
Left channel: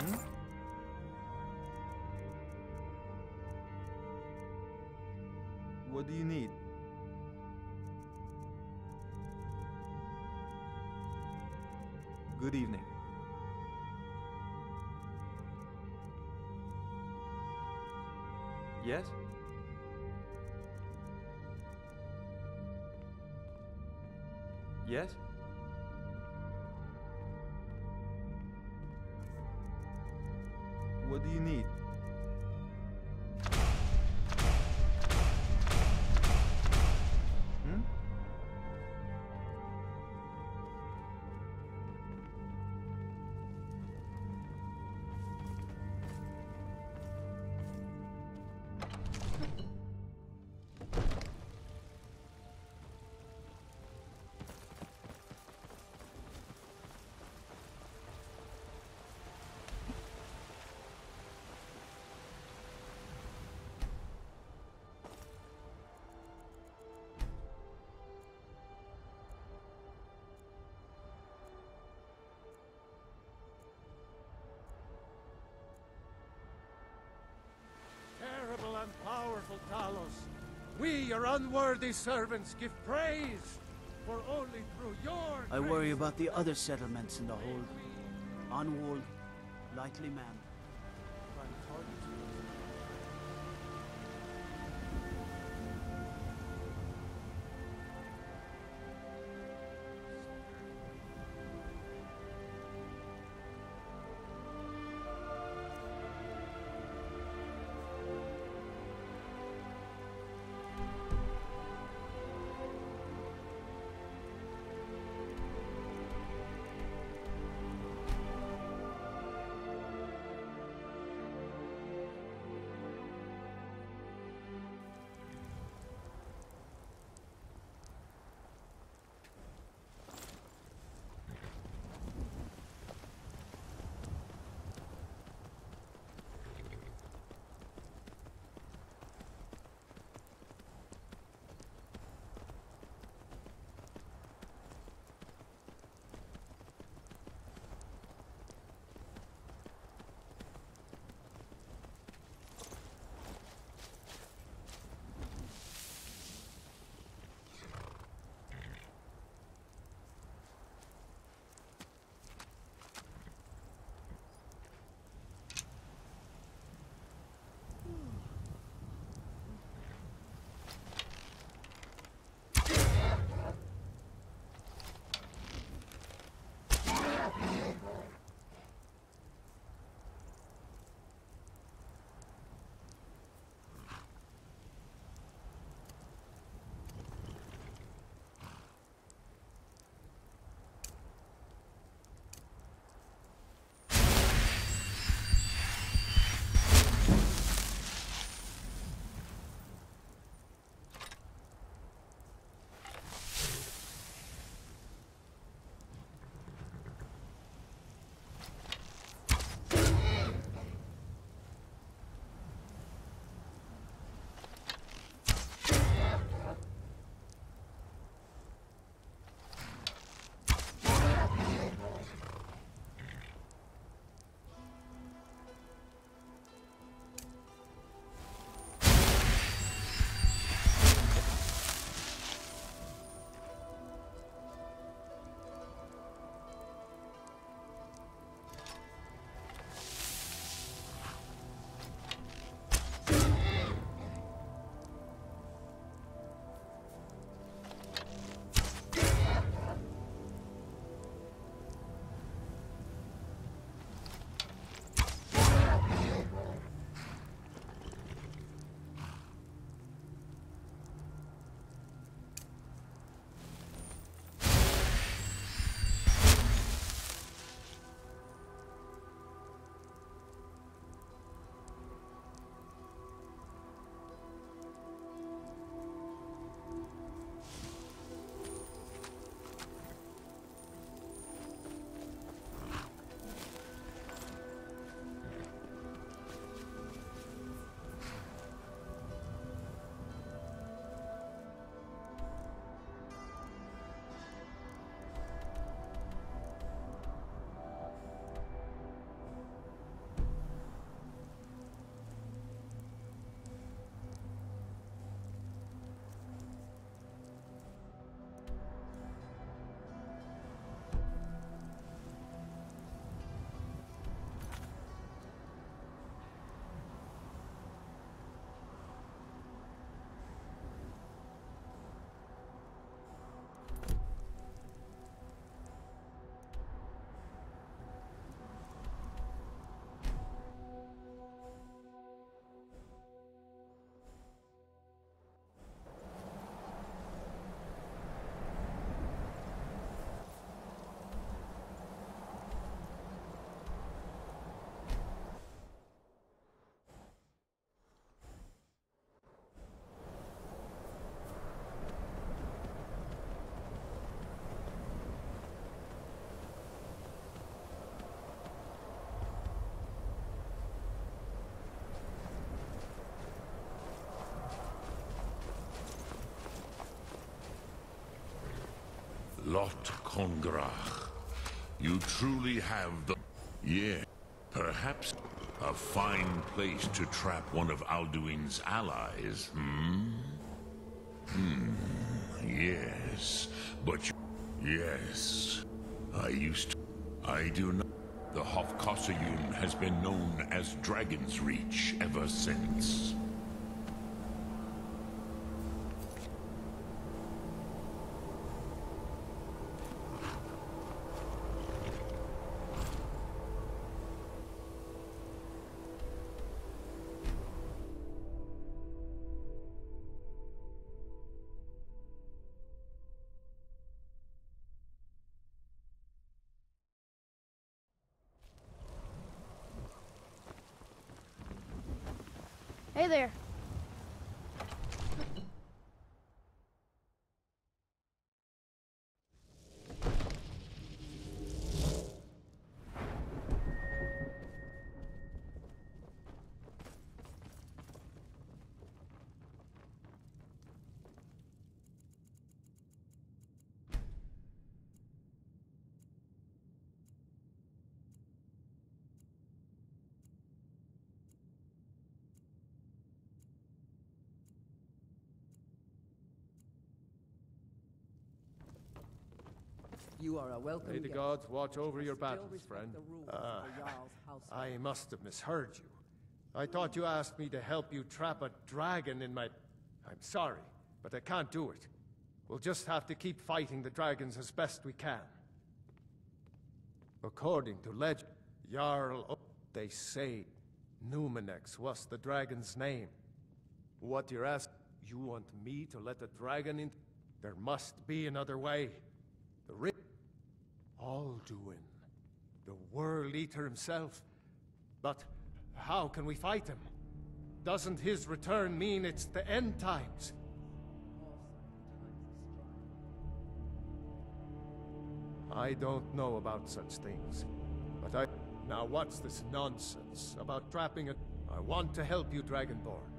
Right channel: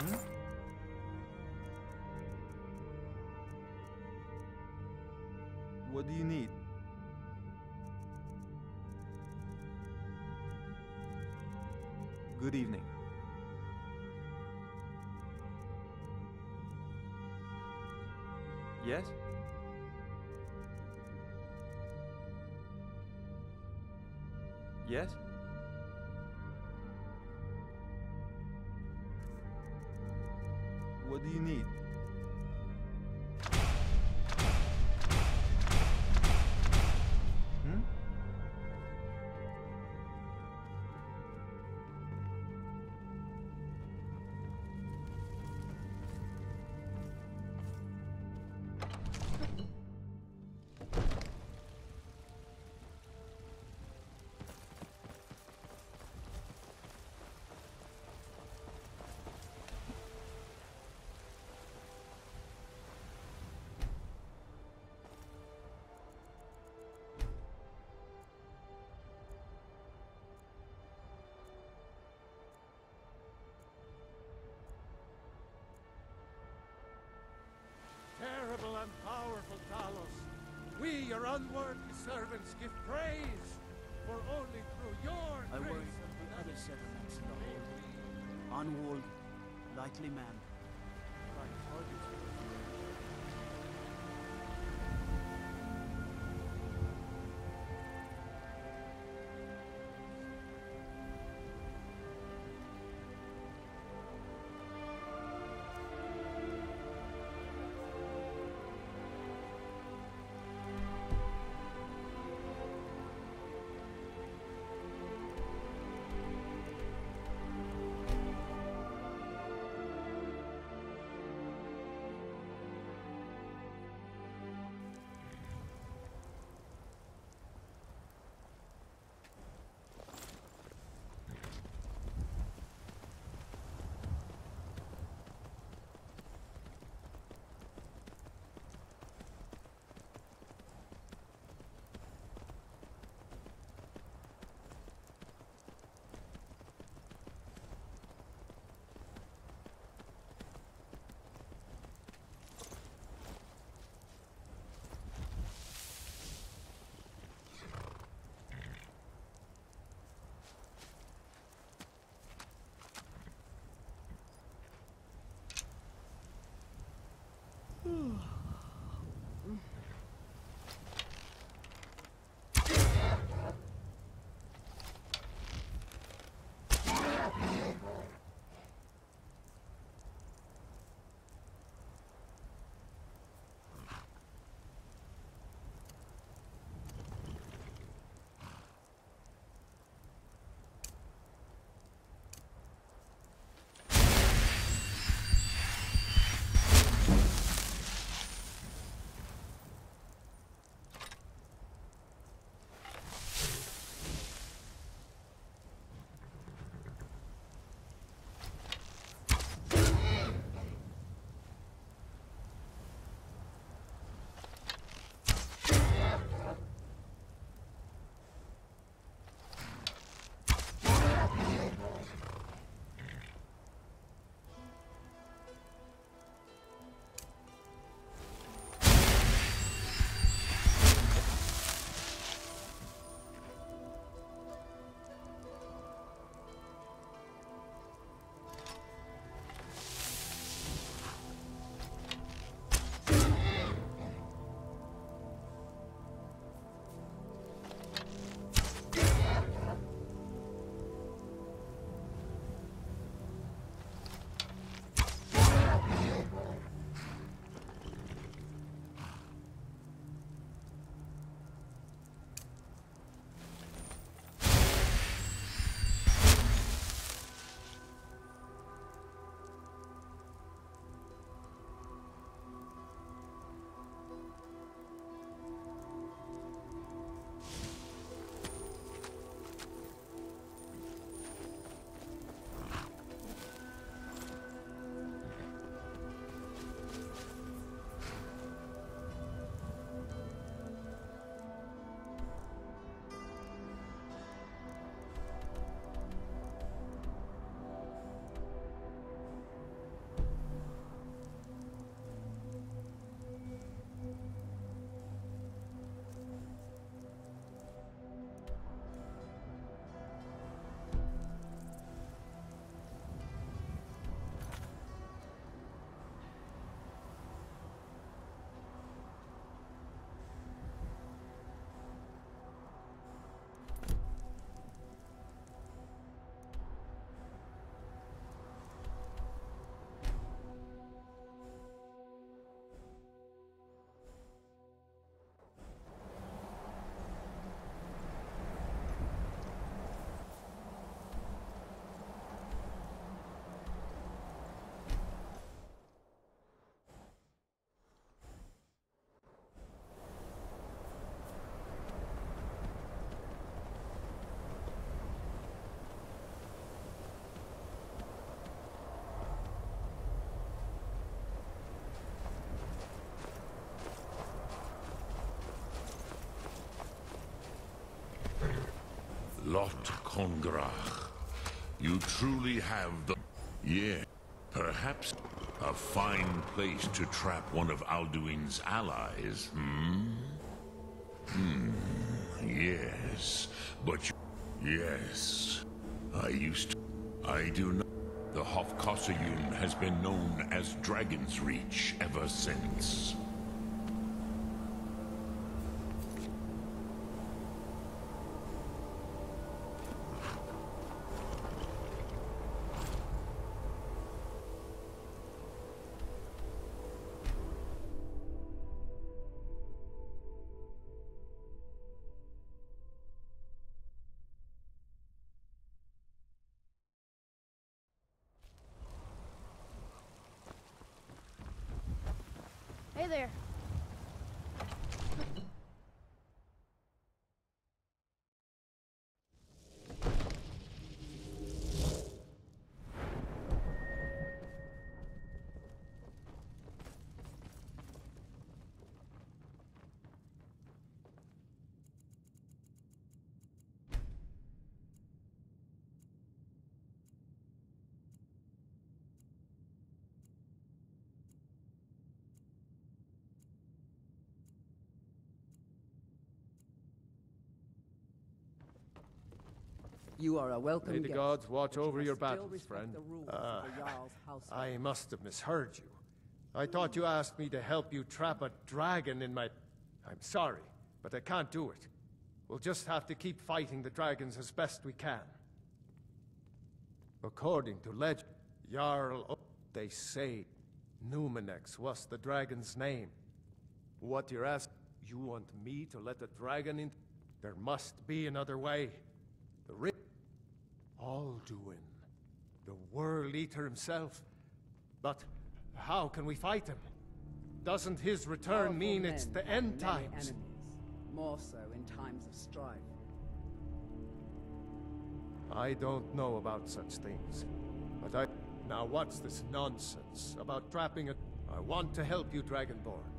Hmm? What do you need? Good evening. Yes? Yes? What do you need? Hmm? Terrible and powerful Talos, we, your unworthy servants, give praise, for only through your I worry grace about the other settlements in the hold. Unwalled, lightly manned. Prime targets. Lot Kongrach. You truly have the... Yeah, perhaps a fine place to trap one of Alduin's allies, yes, but yes. I do not... The Hofkossayun has been known as Dragon's Reach ever since. Hey there. You are a welcome May the guest, gods watch but you over must your still battles, respect friend. the rules of the Jarl's household. I must have misheard you. I thought you asked me to help you trap a dragon in my... I'm sorry, but I can't do it. We'll just have to keep fighting the dragons as best we can. According to legend, Jarl... They say Numenex was the dragon's name. What you're asking, you want me to let the dragon in? There must be another way. The Alduin, the World Eater himself. But how can we fight him? Doesn't his return mean it's the end times? More so in times of strife. I don't know about such things, but Now what's this nonsense about trapping a... I want to help you, Dragonborn.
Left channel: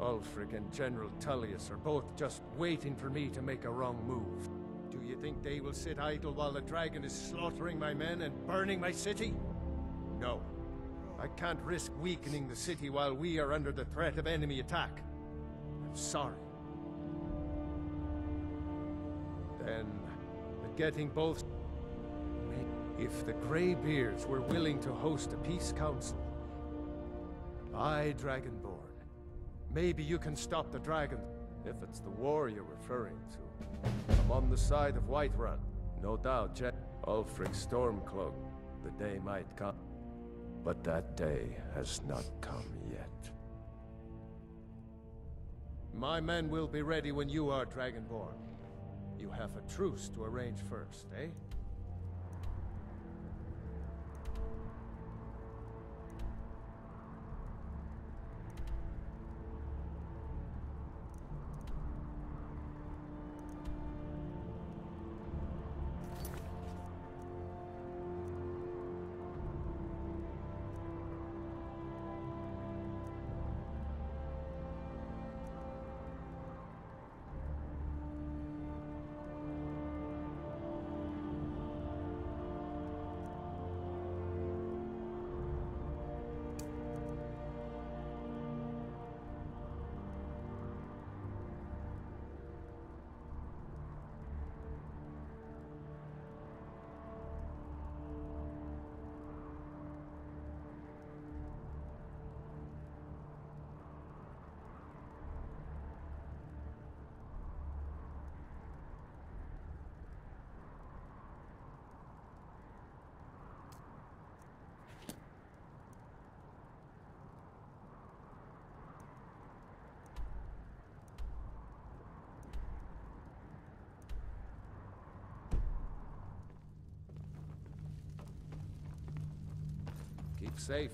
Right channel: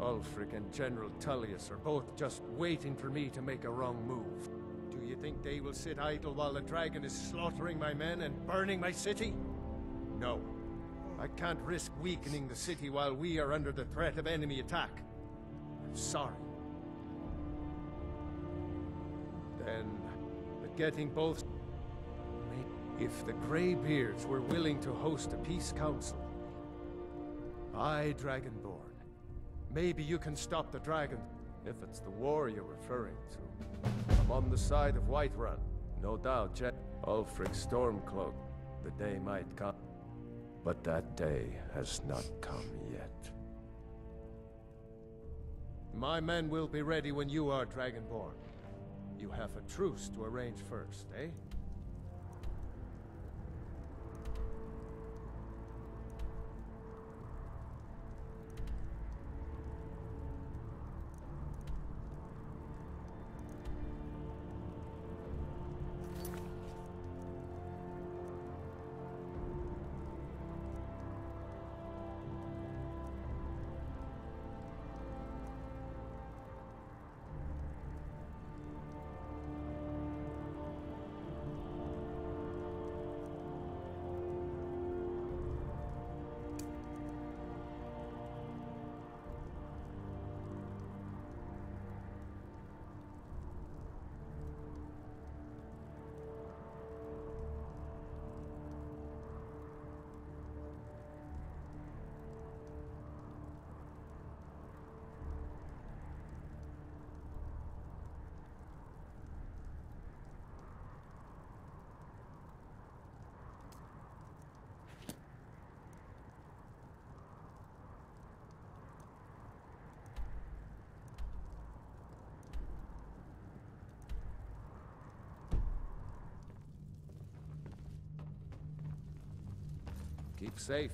Ulfric and General Tullius are both just waiting for me to make a wrong move. Do you think they will sit idle while the dragon is slaughtering my men and burning my city? No. I can't risk weakening the city while we are under the threat of enemy attack. I'm sorry. Then, but getting both... If the Greybeards were willing to host a peace council... Dragonborn. Maybe you can stop the dragon, if it's the war you're referring to. I'm on the side of Whiterun. No doubt, Ulfric Stormcloak. The day might come. But that day has not come yet. My men will be ready when you are, Dragonborn. You have a truce to arrange first, eh? Keep safe.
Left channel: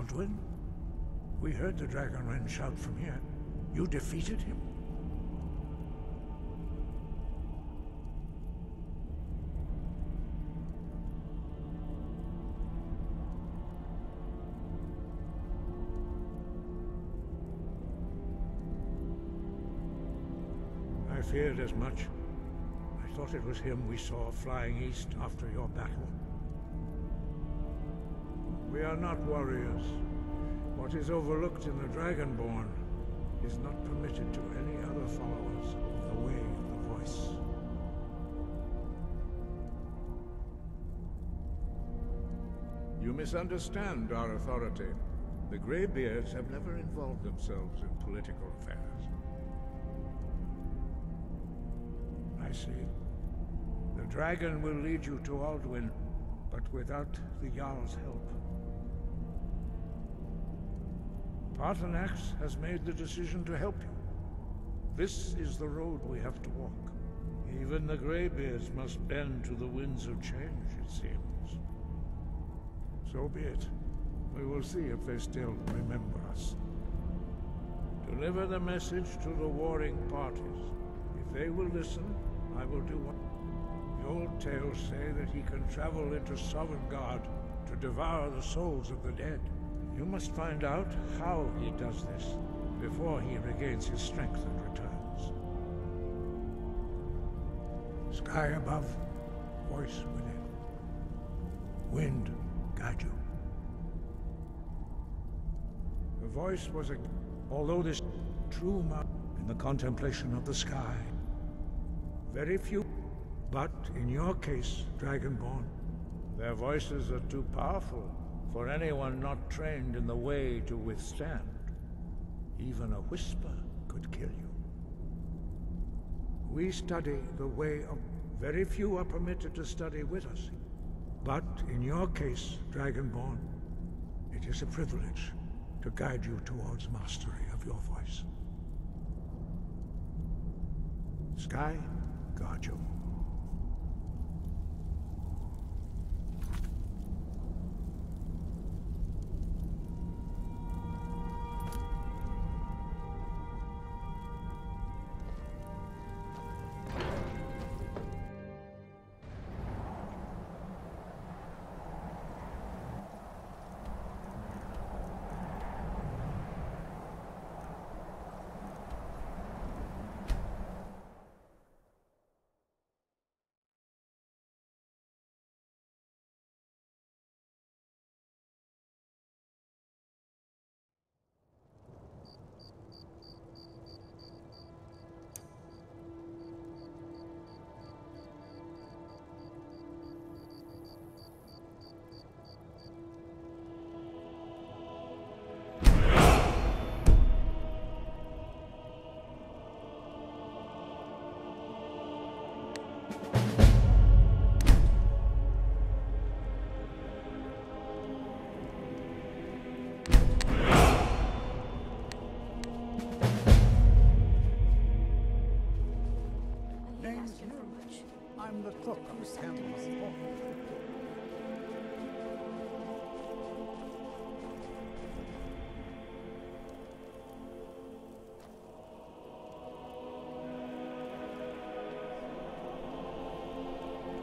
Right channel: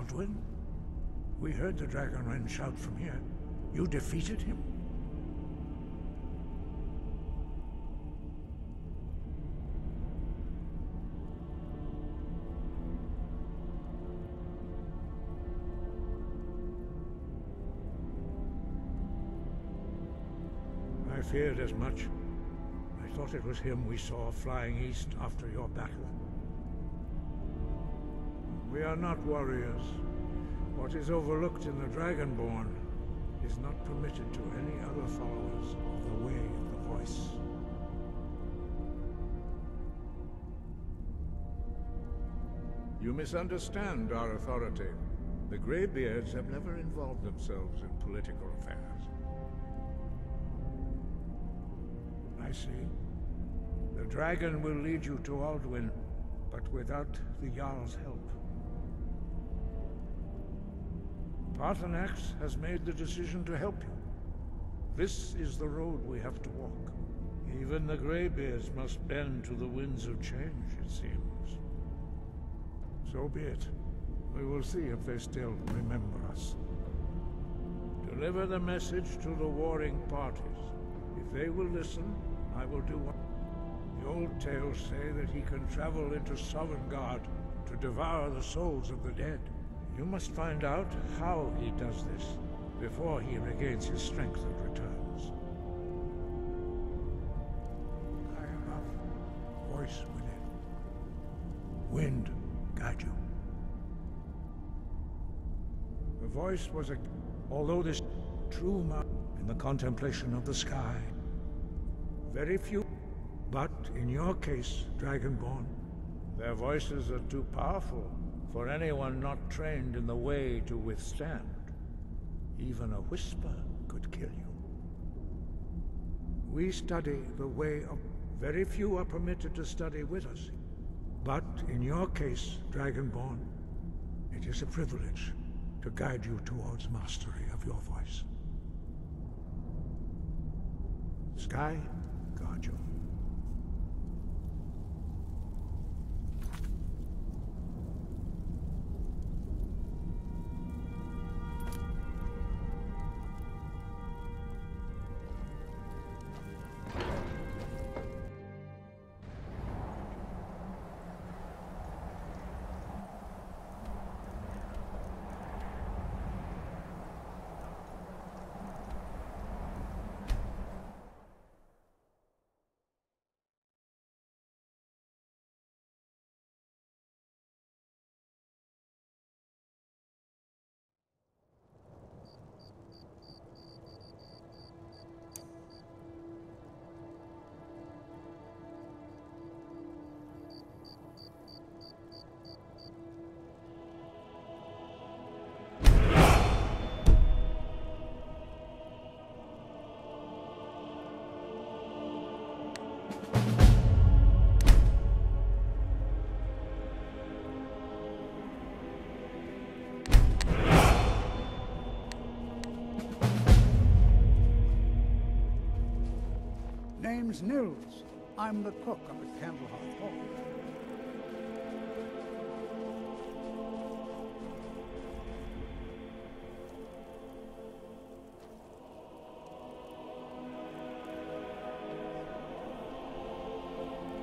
Alduin? We heard the Dragonren shout from here. You defeated him? I feared as much. I thought it was him we saw flying east after your battle. We are not warriors. What is overlooked in the Dragonborn is not permitted to any other followers of the Way of the Voice. You misunderstand our authority. The Greybeards have never involved themselves in political affairs. I see. The dragon will lead you to Alduin, but without the Jarl's help. Paarthurnax has made the decision to help you. This is the road we have to walk. Even the Greybeards must bend to the winds of change, it seems. So be it. We will see if they still remember us. Deliver the message to the warring parties. If they will listen, I will do what... The old tales say that he can travel into Sovngarde to devour the souls of the dead. You must find out how he does this before he regains his strength and returns. Sky above, voice within. Wind, guide you. The voice was a... Although this true in the contemplation of the sky. Very few, but in your case, Dragonborn, their voices are too powerful for anyone not trained in the way to withstand. Even a whisper could kill you. We study the way of... Very few are permitted to study with us. But in your case, Dragonborn, it is a privilege to guide you towards mastery of your voice. Sky, guard you. Name's Nils. I'm the cook of the Candlehearth Hall.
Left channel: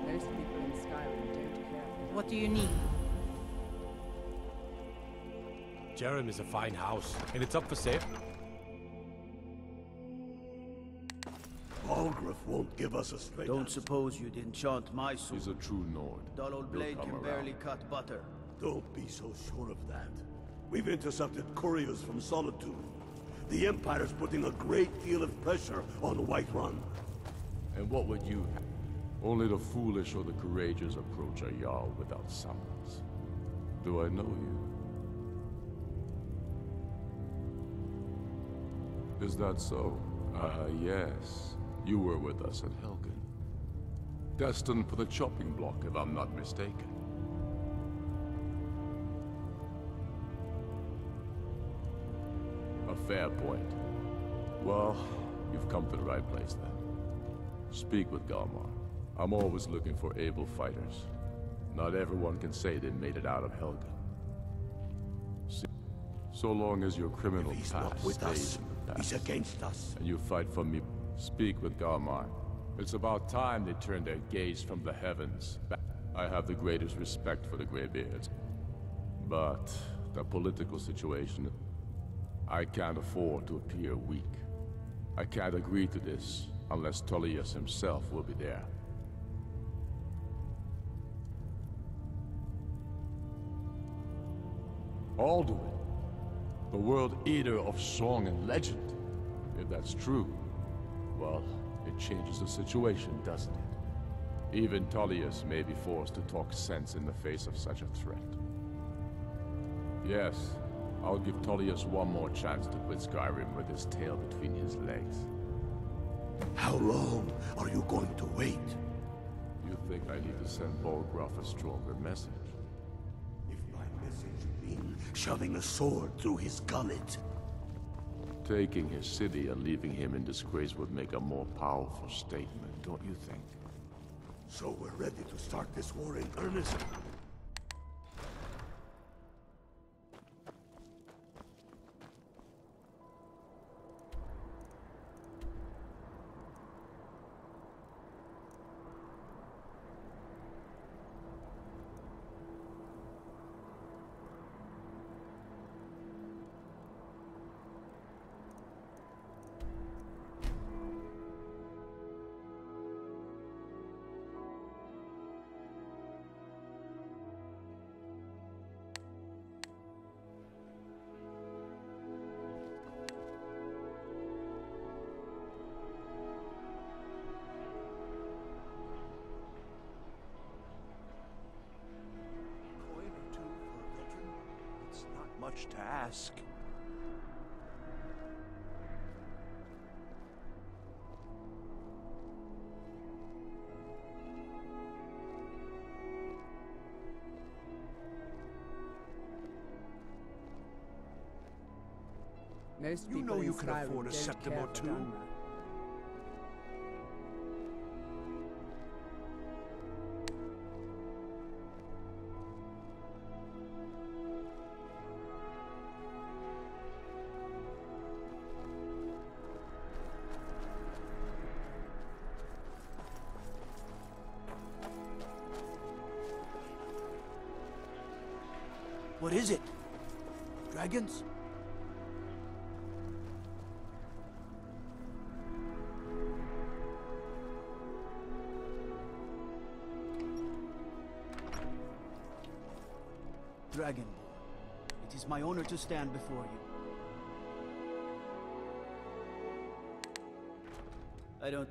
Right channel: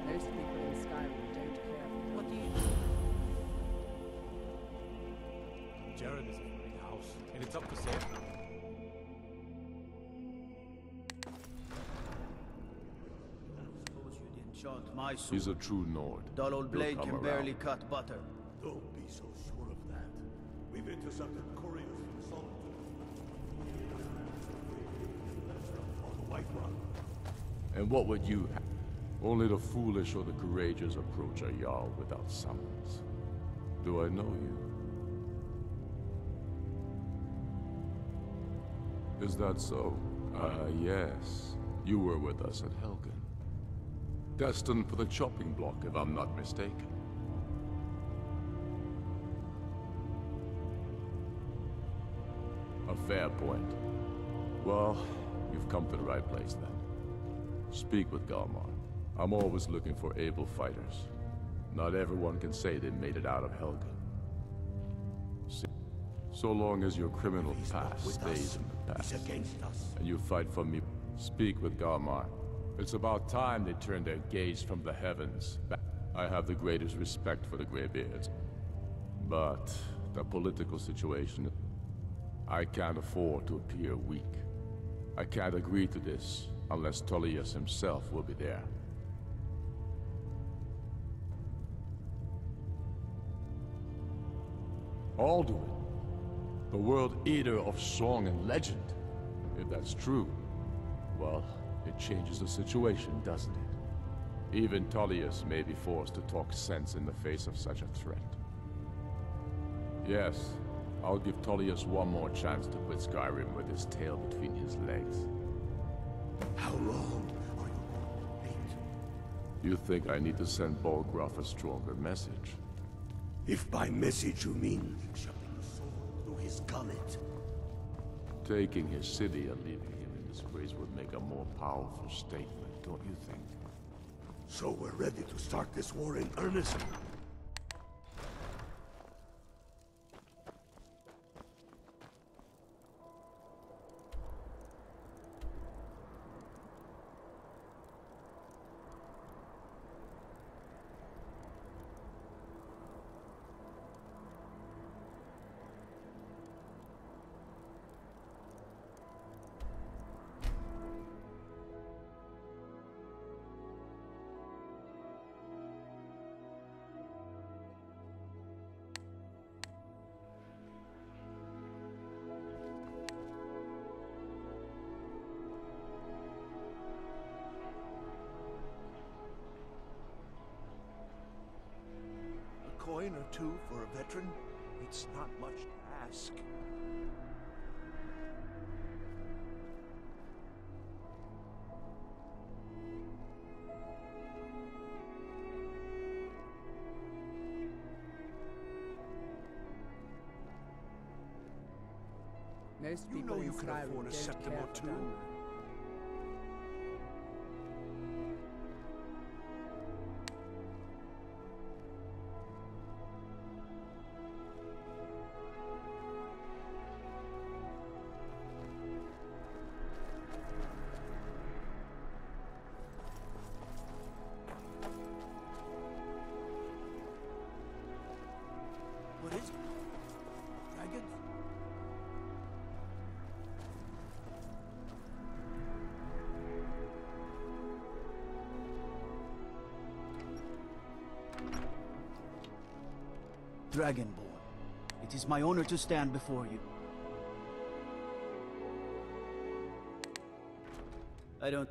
Most people in Skyrim don't care. What do you need? Jerem is a fine house, and it's up for sale. Won't give us a straight Don't answer. suppose you'd enchant my sword. He's a true Nord. Dull old He'll blade come can around. barely cut butter. Don't be so sure of that. We've intercepted couriers from Solitude. The Empire's putting a great deal of pressure on Whiterun. And what would you have? Only the foolish or the courageous approach a Jarl without summons. Do I know you? Is that so? Yes. You were with us at Helgen. Destined for the chopping block, if I'm not mistaken. A fair point. Well, you've come to the right place then. Speak with Galmar. I'm always looking for able fighters. Not everyone can say they made it out of Helgen. See So long as your criminal If he's not past with stays us, in the past. he's against us. And you fight for me. Speak with Galmar. It's about time they turn their gaze from the heavens back. I have the greatest respect for the Greybeards. But the political situation... I can't afford to appear weak. I can't agree to this unless Tullius himself will be there. Alduin, the world eater of song and legend. If that's true, well, it changes the situation, doesn't it? Even Tullius may be forced to talk sense in the face of such a threat. Yes, I'll give Tullius one more chance to quit Skyrim with his tail between his legs. How long are you going to wait? You think I need to send Bolgraf a stronger message? If by message you mean shoving a sword through his gullet. Taking his city and leaving him in disgrace would make a more powerful statement, don't you think? So we're ready to start this war in earnest? Coin or two for a veteran? It's not much to ask. Most You people know in you can Skyrim afford a don't septim care or for two. Dunmer. What is it? Dragons? Dragonborn, it is my honor to stand before you. I don't...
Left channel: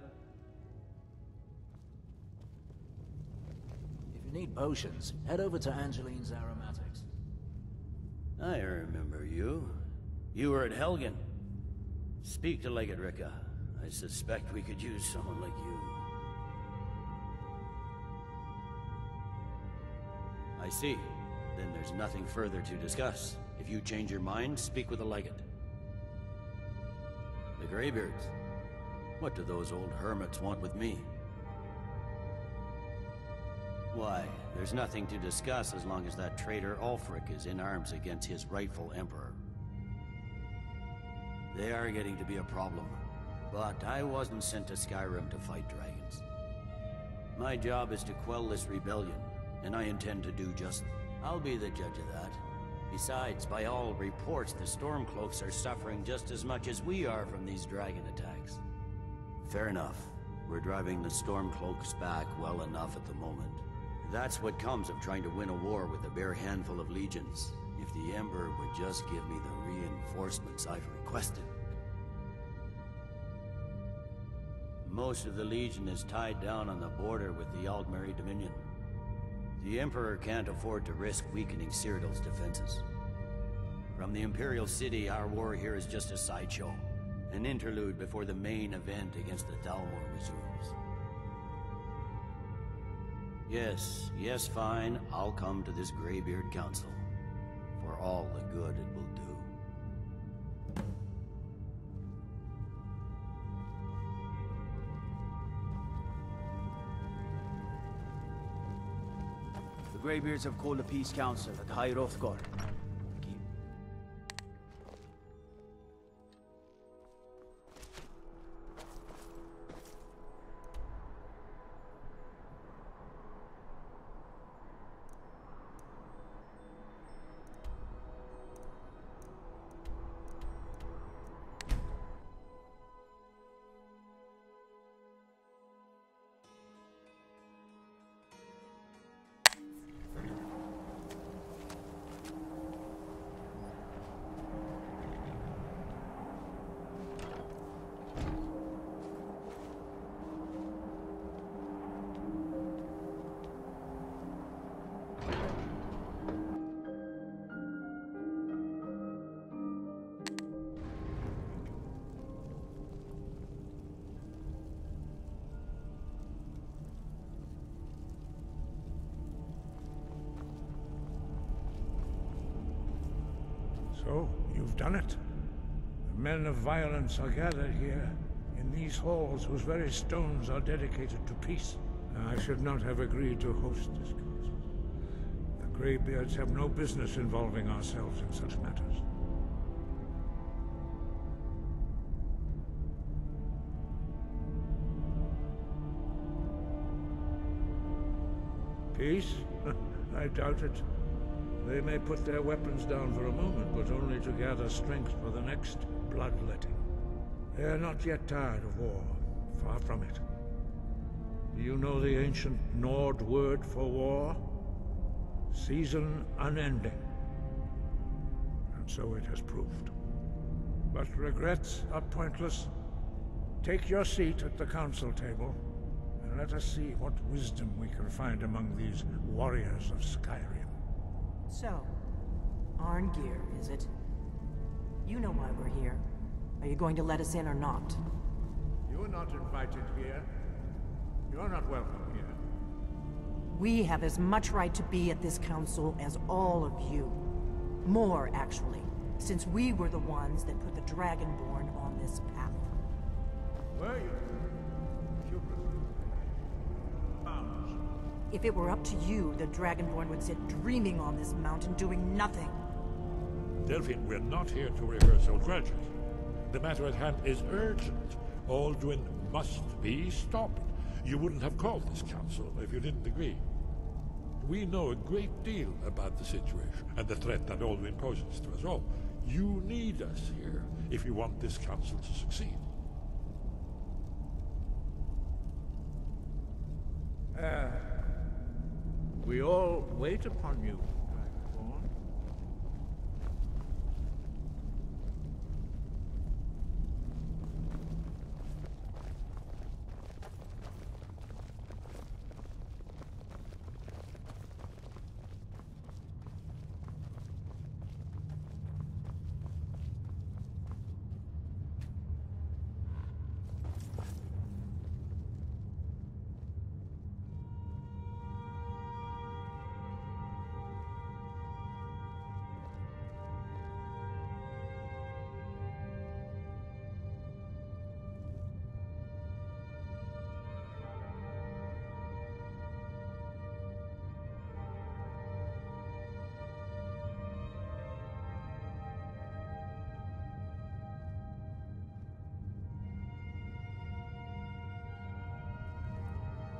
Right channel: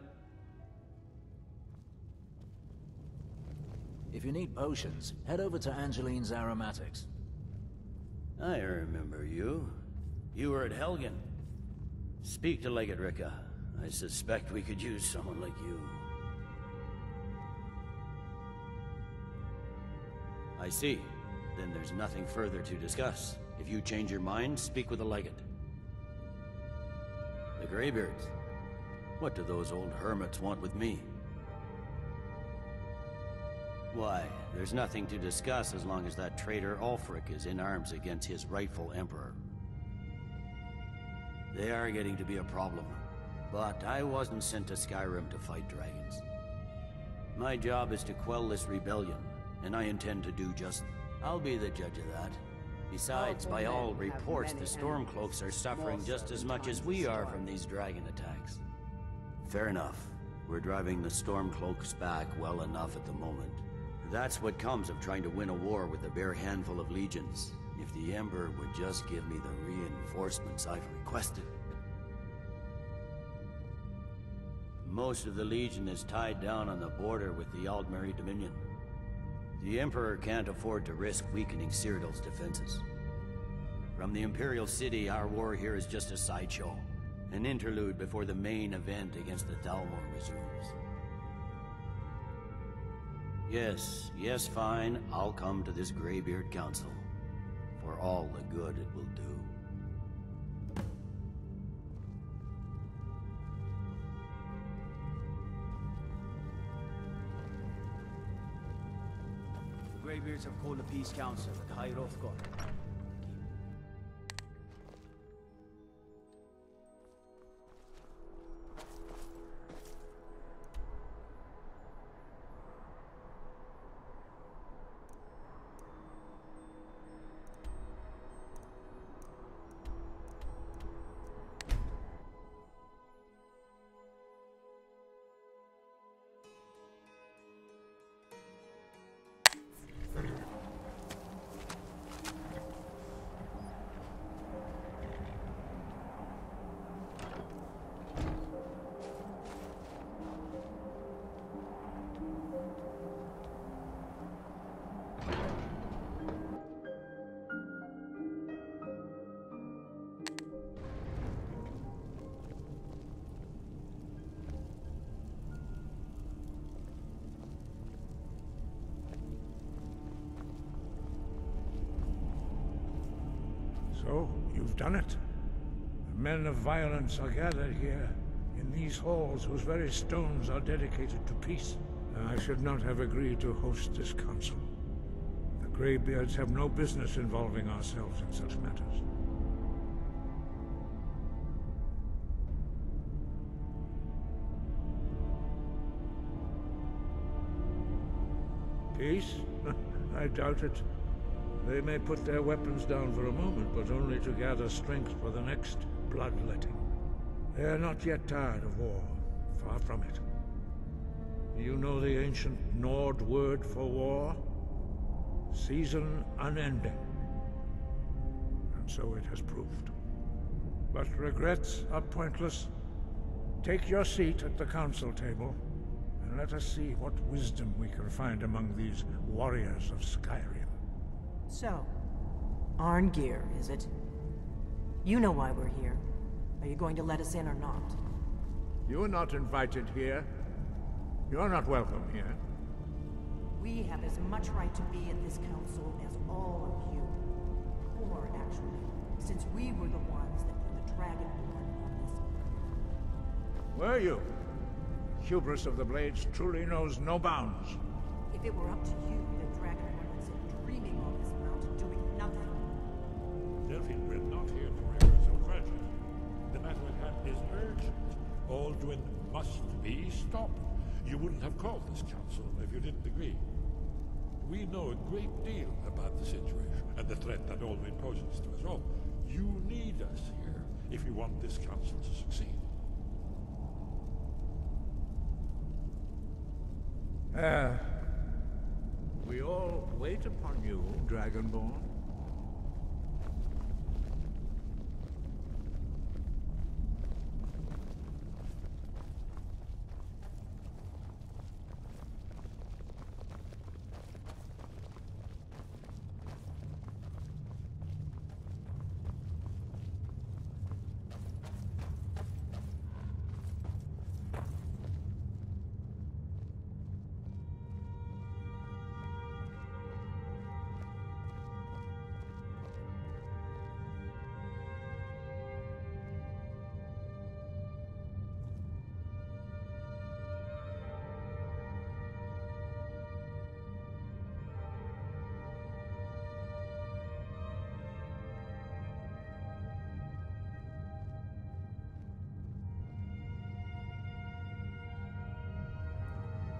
If you need potions, head over to Angeline's Aromatics. I remember you. You were at Helgen. Speak to Legate Ricka. I suspect we could use someone like you. I see. Then there's nothing further to discuss. If you change your mind, speak with the Legate. The Greybeards. What do those old hermits want with me? Why, there's nothing to discuss as long as that traitor Ulfric is in arms against his rightful emperor. They are getting to be a problem, but I wasn't sent to Skyrim to fight dragons. My job is to quell this rebellion, and I intend to do just... I'll be the judge of that. Besides, by all reports, the Stormcloaks are suffering just as much as we are from these dragon attacks. Fair enough. We're driving the Stormcloaks back well enough at the moment. That's what comes of trying to win a war with a bare handful of legions. If the Emperor would just give me the reinforcements I've requested. Most of the Legion is tied down on the border with the Aldmeri Dominion. The Emperor can't afford to risk weakening Cyrodiil's defenses. From the Imperial City, our war here is just a sideshow. An interlude before the main event against the Dalmor resumes. Yes, fine. I'll come to this Greybeard Council. For all the good it will do. The Greybeards have called a peace council at High Hrothgar. So, you've done it. The men of violence are gathered here, in these halls whose very stones are dedicated to peace. I should not have agreed to host this council. The Greybeards have no business involving ourselves in such matters. Peace? I doubt it. They may put their weapons down for a moment, but only to gather strength for the next bloodletting. They are not yet tired of war. Far from it. Do you know the ancient Nord word for war? Season unending. And so it has proved. But regrets are pointless. Take your seat at the council table, and let us see what wisdom we can find among these warriors of Skyrim. So, Arngeir, is it? You know why we're here. Are you going to let us in or not? You're not invited here. You're not welcome here. We have as much right to be at this council as all of you. More, actually, since we were the ones that put the Dragonborn on this path. Were you? Hubris of the Blades truly knows no bounds. If it were up to you, the Dragonborn would sit dreaming on this mountain doing nothing. Delphine, we're not here to rehearse old grudges. The matter at hand is urgent. Alduin must be stopped. You wouldn't have called this council if you didn't agree. We know a great deal about the situation and the threat that Alduin poses to us all. You need us here if you want this council to succeed. We all wait upon you, Dragonborn.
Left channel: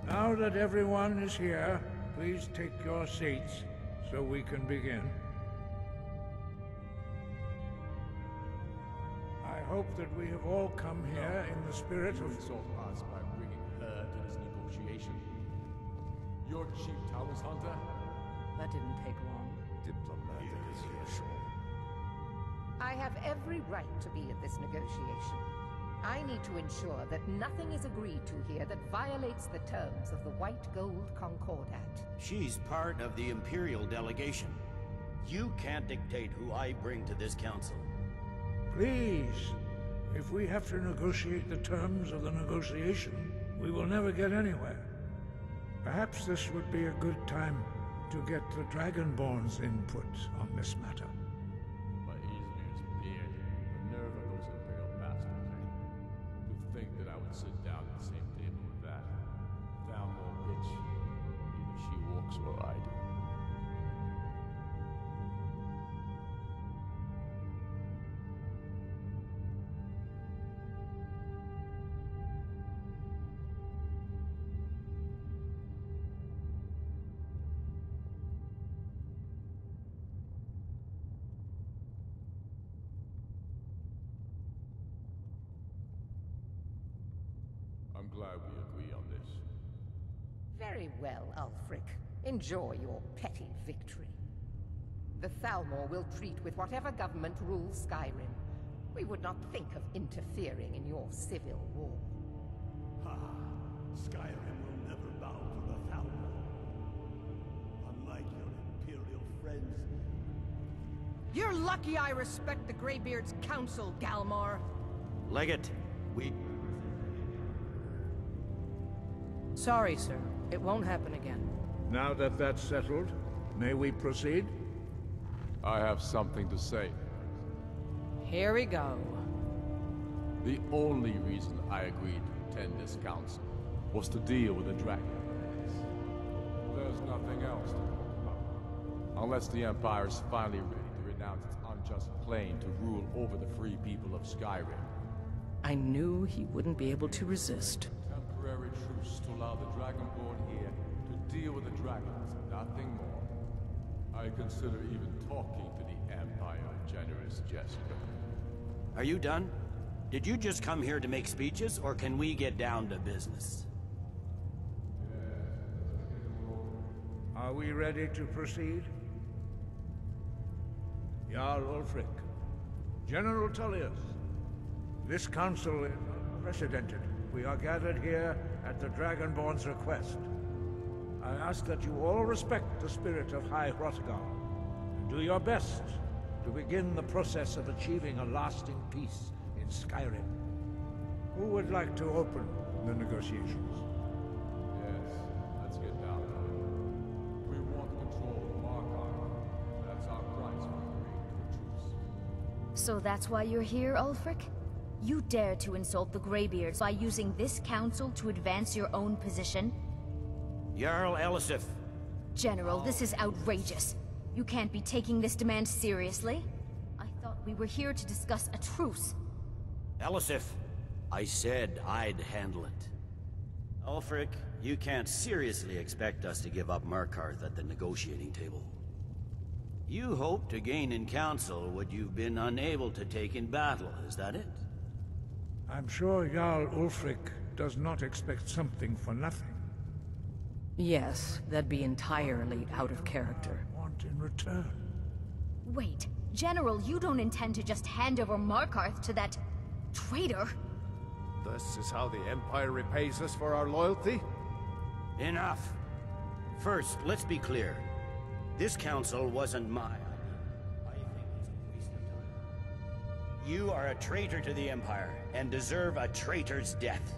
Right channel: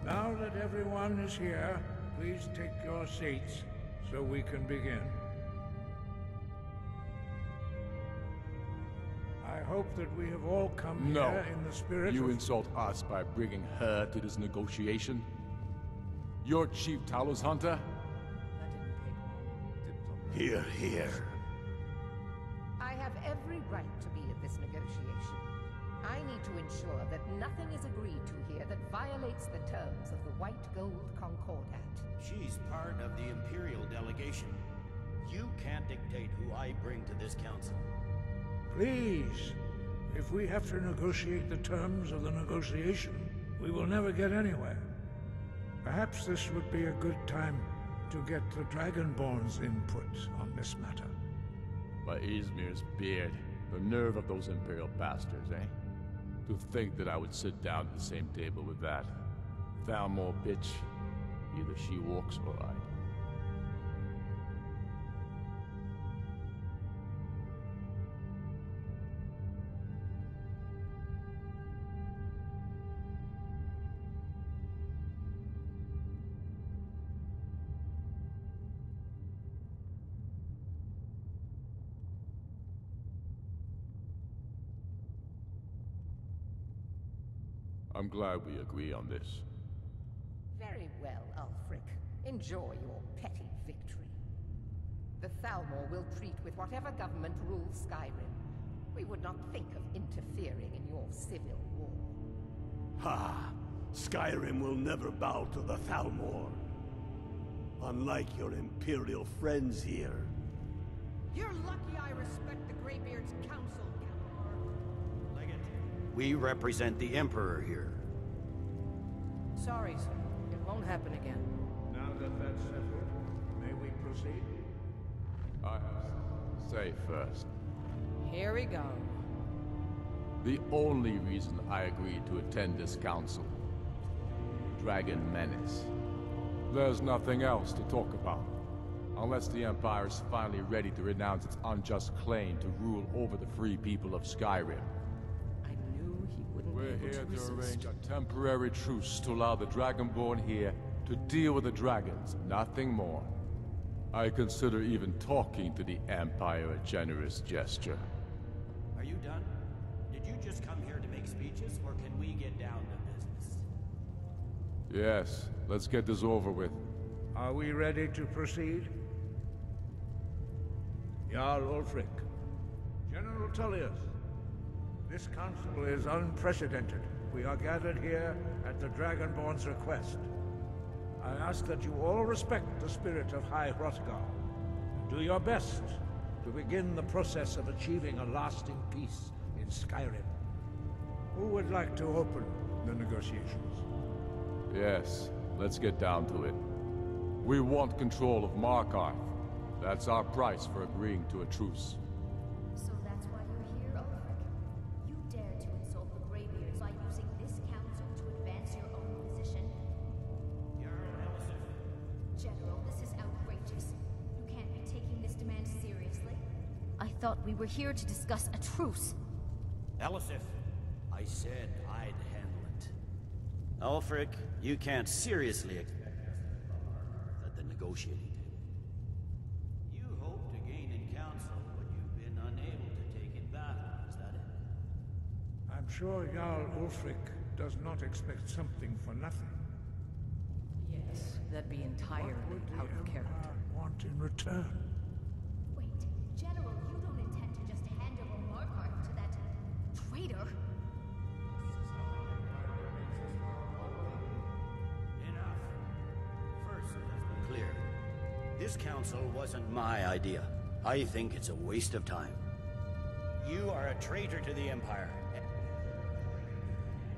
Now that everyone is here, please take your seats so we can begin. I hope that we have all come here in the spirit You of... insult us by bringing her to this negotiation? Your chief Talos hunter? That didn't take long. Here, here. I have every right to be at this negotiation. I need to ensure that nothing is agreed to here that violates the terms of the White Gold Concordat. She's part of the Imperial delegation. You can't dictate who I bring to this council. Please, if we have to negotiate the terms of the negotiation, we will never get anywhere. Perhaps this would be a good time to get the Dragonborn's input on this matter. By Izmir's beard, the nerve of those Imperial bastards, eh? To think that I would sit down at the same table with that Thalmor bitch. Either she walks or I do. I'm glad we agree on this. Very well, Ulfric. Enjoy your petty victory. The Thalmor will treat with whatever government rules Skyrim. We would not think of interfering in your civil war. Ha! Skyrim will never bow to the Thalmor. Unlike your Imperial friends here. You're lucky I respect the Greybeard's counsel, Galmar. Legate, we represent the Emperor here. Sorry, sir. It won't happen again. Now that that's settled, may we proceed? I have something to say first. Here we go. The only reason I agreed to attend this council was to deal with the dragon menace. There's nothing else to talk about. Unless the Empire is finally ready to renounce its unjust claim to rule over the free people of Skyrim. I knew he wouldn't be able to resist. A temporary truce to allow the Dragonborn here to deal with the dragons, nothing more. I consider even talking to the Empire a generous gesture. Are you done? Did you just come here to make speeches, or can we get down to business? Yes, let's get this over with. Are we ready to proceed? Jarl Ulfric, General Tullius, this council is unprecedented. We are gathered here at the Dragonborn's request. I ask that you all respect the spirit of High Hrothgar, and do your best to begin the process of achieving a lasting peace in Skyrim. Who would like to open the negotiations? Yes, let's get down to it. We want control of Markarth. That's our price for agreeing to a truce. So that's why you're here, Ulfric? You dare to insult the Greybeards by using this council to advance your own position? Jarl Elisif. General, this is outrageous. You can't be taking this demand seriously. I thought we were here to discuss a truce. Elisif, I said I'd handle it. Ulfric, you can't seriously expect us to give up Markarth at the negotiating table. You hope to gain in council what you've been unable to take in battle, is that it? I'm sure Jarl Ulfric does not expect something for nothing. Yes, that'd be entirely out of character. Want in return? Wait, General, you don't intend to just hand over Markarth to that traitor? This is how the Empire repays us for our loyalty? Enough. First, let's be clear. This council wasn't my idea. I think it's a waste of time. You are a traitor to the Empire, and deserve a traitor's death.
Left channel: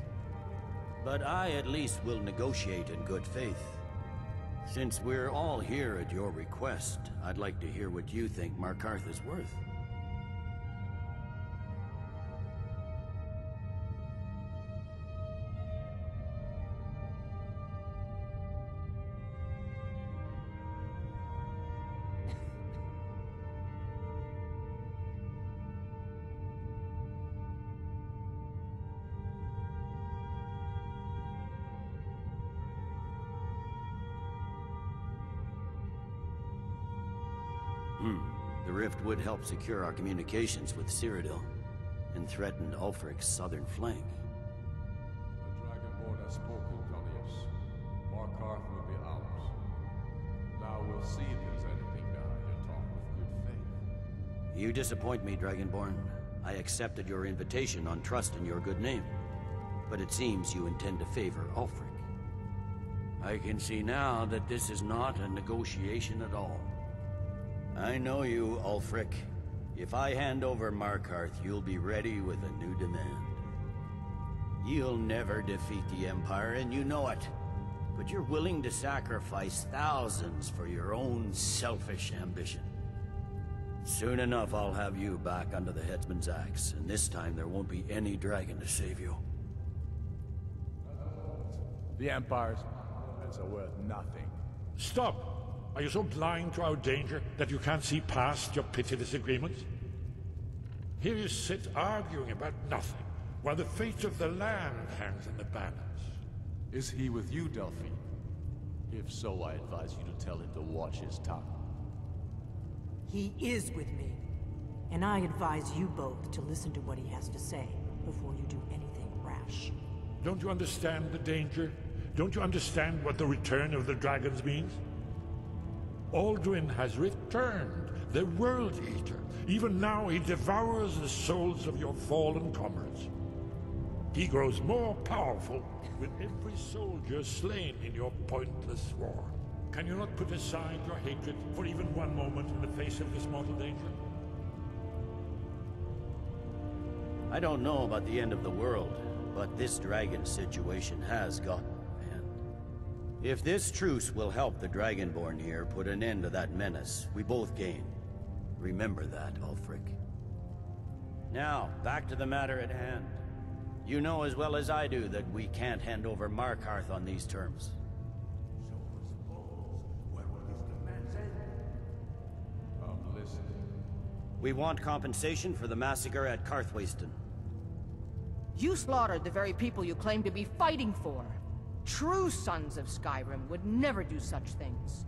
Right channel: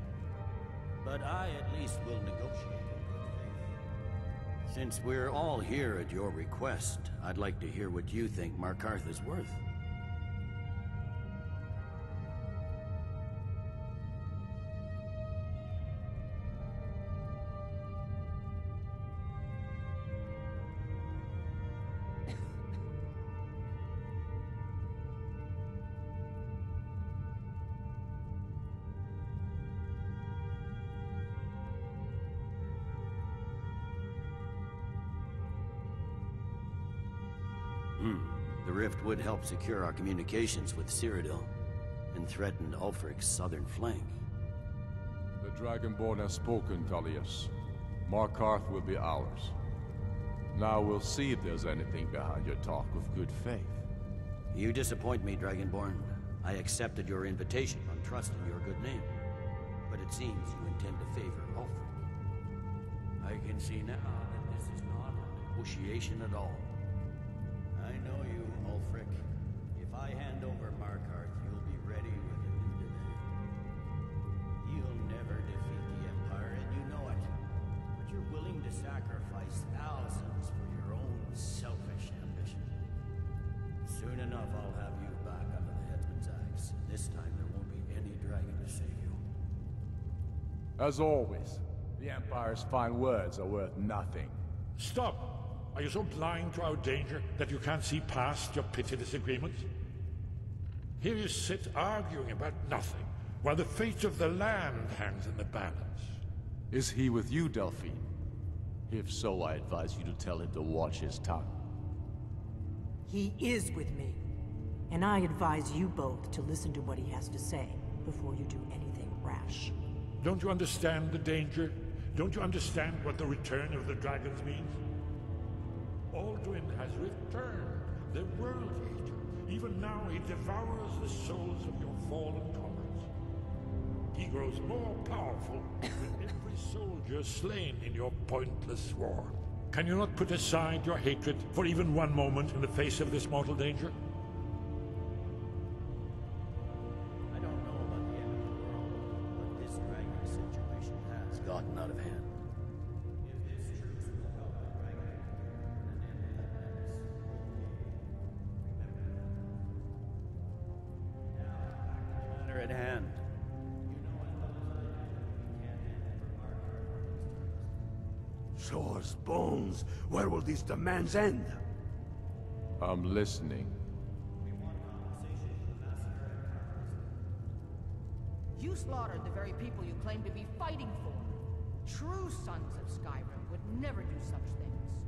But I at least will negotiate in good faith. Since we're all here at your request, I'd like to hear what you think Markarth is worth. The rift would help secure our communications with Cyrodiil, and threatened Ulfric's southern flank. The Dragonborn has spoken, Tullius. Markarth will be ours. Now we'll see if there's anything behind your talk of good faith. You disappoint me, Dragonborn. I accepted your invitation on trust in your good name. But it seems you intend to favor Ulfric. I can see now that this is not a negotiation at all. I know you, Ulfric. If I hand over Markarth, you'll be ready with a new demand. You'll never defeat the Empire, and you know it. But you're willing to sacrifice thousands for your own selfish ambition. Soon enough, I'll have you back under the headsman's axe, and this time there won't be any dragon to save you. As always, the Empire's fine words are worth nothing. Stop! Are you so blind to our danger that you can't see past your petty disagreements? Here you sit arguing about nothing, while the fate of the land hangs in the balance. Is he with you, Delphine? If so, I advise you to tell him to watch his tongue. He is with me. And I advise you both to listen to what he has to say before you do anything rash. Don't you understand the danger? Don't you understand what the return of the dragons means? Alduin has returned, the World Eater. Even now he devours the souls of your fallen comrades. He grows more powerful with every soldier slain in your pointless war. Can you not put aside your hatred for even one moment in the face of this mortal danger? I don't know about the end of the world, but this dragon situation has gotten out of hand. If this truce will help the Dragonborn here put an end to that menace, we both gain. Remember that, Ulfric. Now, back to the matter at hand. You know as well as I do that we can't hand over Markarth on these terms. Shores, bones, where will these demands end? I'm listening. We want compensation for the massacre at Karthwasten. You slaughtered the very people you claim to be fighting for. True sons of Skyrim would never do such things.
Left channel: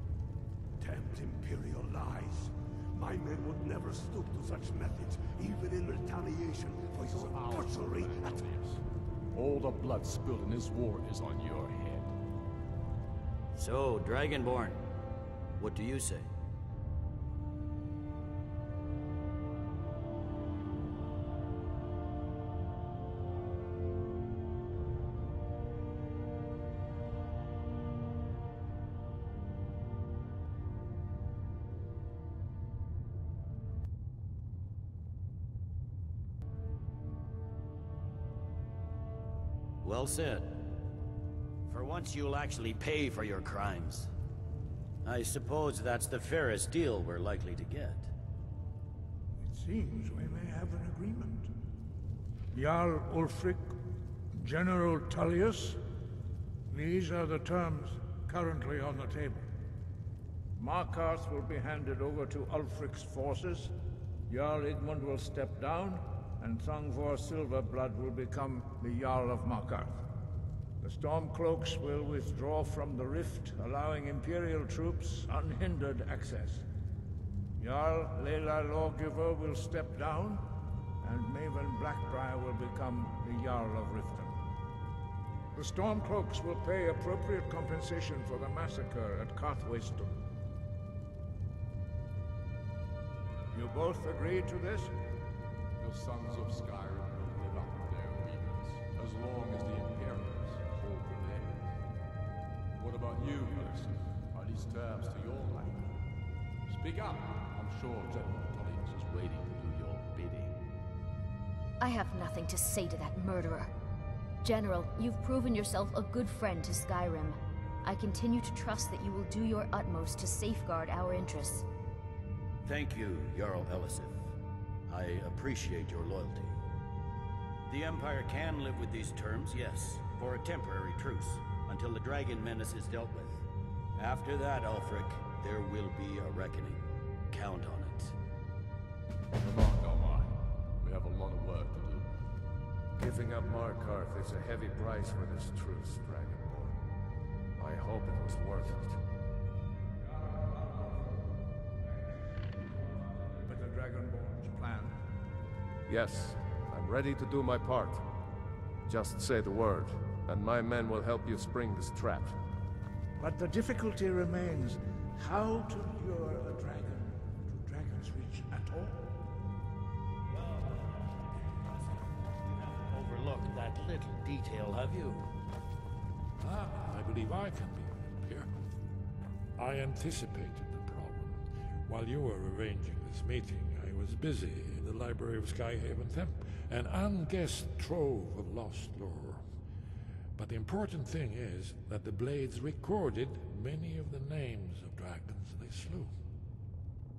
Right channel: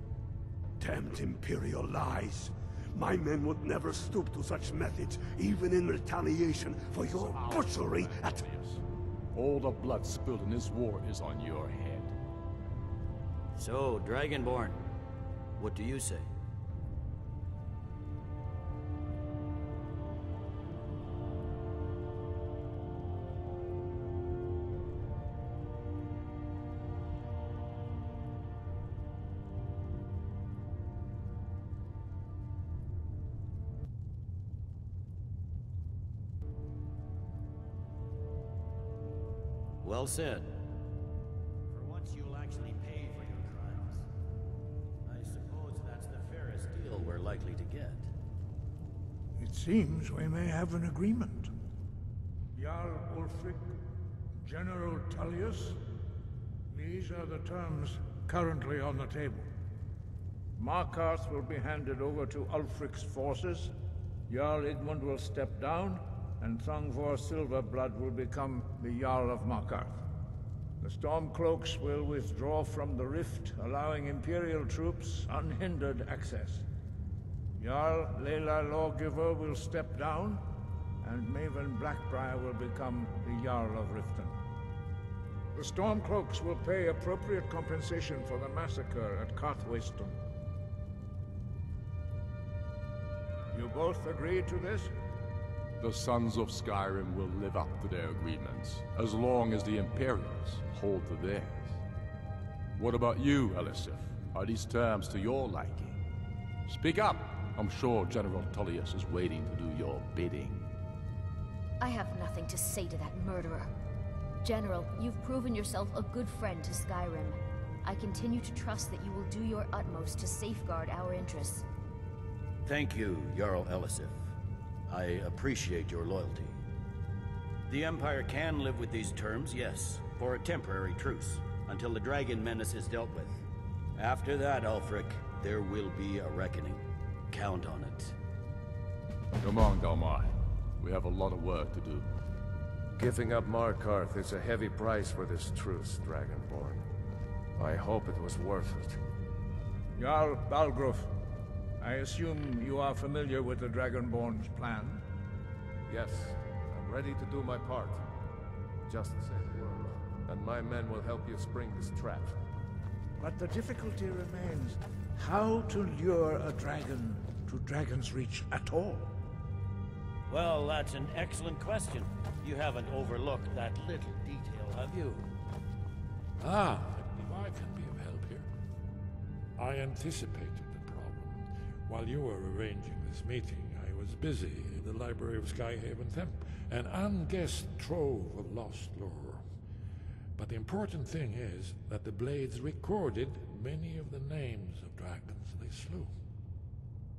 Damned Imperial lies. My men would never stoop to such methods, even in retaliation for your butchery at... All the blood spilled in this war is on your head. So, Dragonborn, what do you say? Well said. For once you'll actually pay for your crimes. I suppose that's the fairest deal we're likely to get. It seems we may have an agreement. Jarl Ulfric, General Tullius, these are the terms currently on the table. Markarth will be handed over to Ulfric's forces, Jarl Igmund will step down, and Thongvor Silverblood will become the Jarl of Markarth. The Stormcloaks will withdraw from the rift, allowing Imperial troops unhindered access. Jarl Layla Lawgiver will step down, and Maven Blackbriar will become the Jarl of Riften. The Stormcloaks will pay appropriate compensation for the massacre at Karthwasten. You both agree to this? The Sons of Skyrim will live up to their agreements, as long as the Imperials hold to theirs. What about you, Elisif? Are these terms to your liking? Speak up! I'm sure General Tullius is waiting to do your bidding. I have nothing to say to that murderer. General, you've proven yourself a good friend to Skyrim. I continue to trust that you will do your utmost to safeguard our interests. Thank you, Jarl Elisif. I appreciate your loyalty. The Empire can live with these terms, yes, for a temporary truce, until the dragon menace is dealt with. After that, Ulfric, there will be a reckoning. Count on it. Come on, Dalmar. We have a lot of work to do. Giving up Markarth is a heavy price for this truce, Dragonborn. I hope it was worth it. Jarl Balgruuf, I assume you are familiar with the Dragonborn's plan? Yes, I'm ready to do my part. Just say the word, and my men will help you spring this trap. But the difficulty remains how to lure a dragon to Dragon's Reach at all. Well, that's an excellent question. You haven't overlooked that little detail, have you? Ah, I believe I can be of help here. I anticipated the problem. While you were arranging this meeting, I was busy in the library of Skyhaven Temp, an unguessed trove of lost lore. But the important thing is that the Blades recorded many of the names of dragons they slew.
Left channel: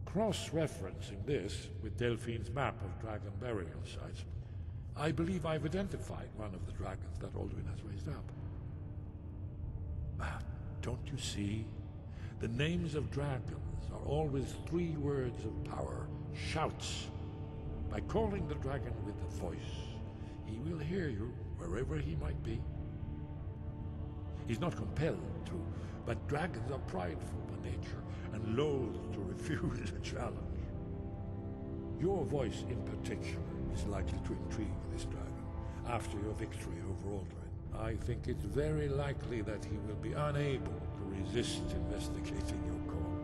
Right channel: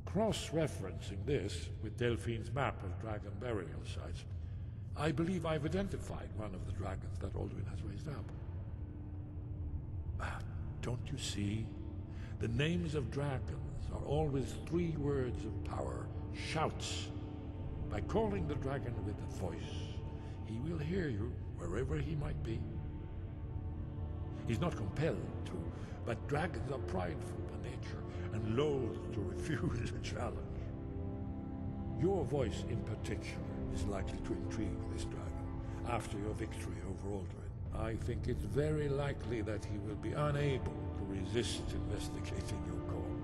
Cross-referencing this with Delphine's map of dragon burial sites, I believe I've identified one of the dragons that Alduin has raised up. Don't you see? The names of dragons are always 3 words of power, shouts. By calling the dragon with a voice, he will hear you wherever he might be. He's not compelled to, but dragons are prideful by nature and loath to refuse a challenge. Your voice in particular is likely to intrigue this dragon after your victory over Alduin. I think it's very likely that he will be unable to resist investigating your call.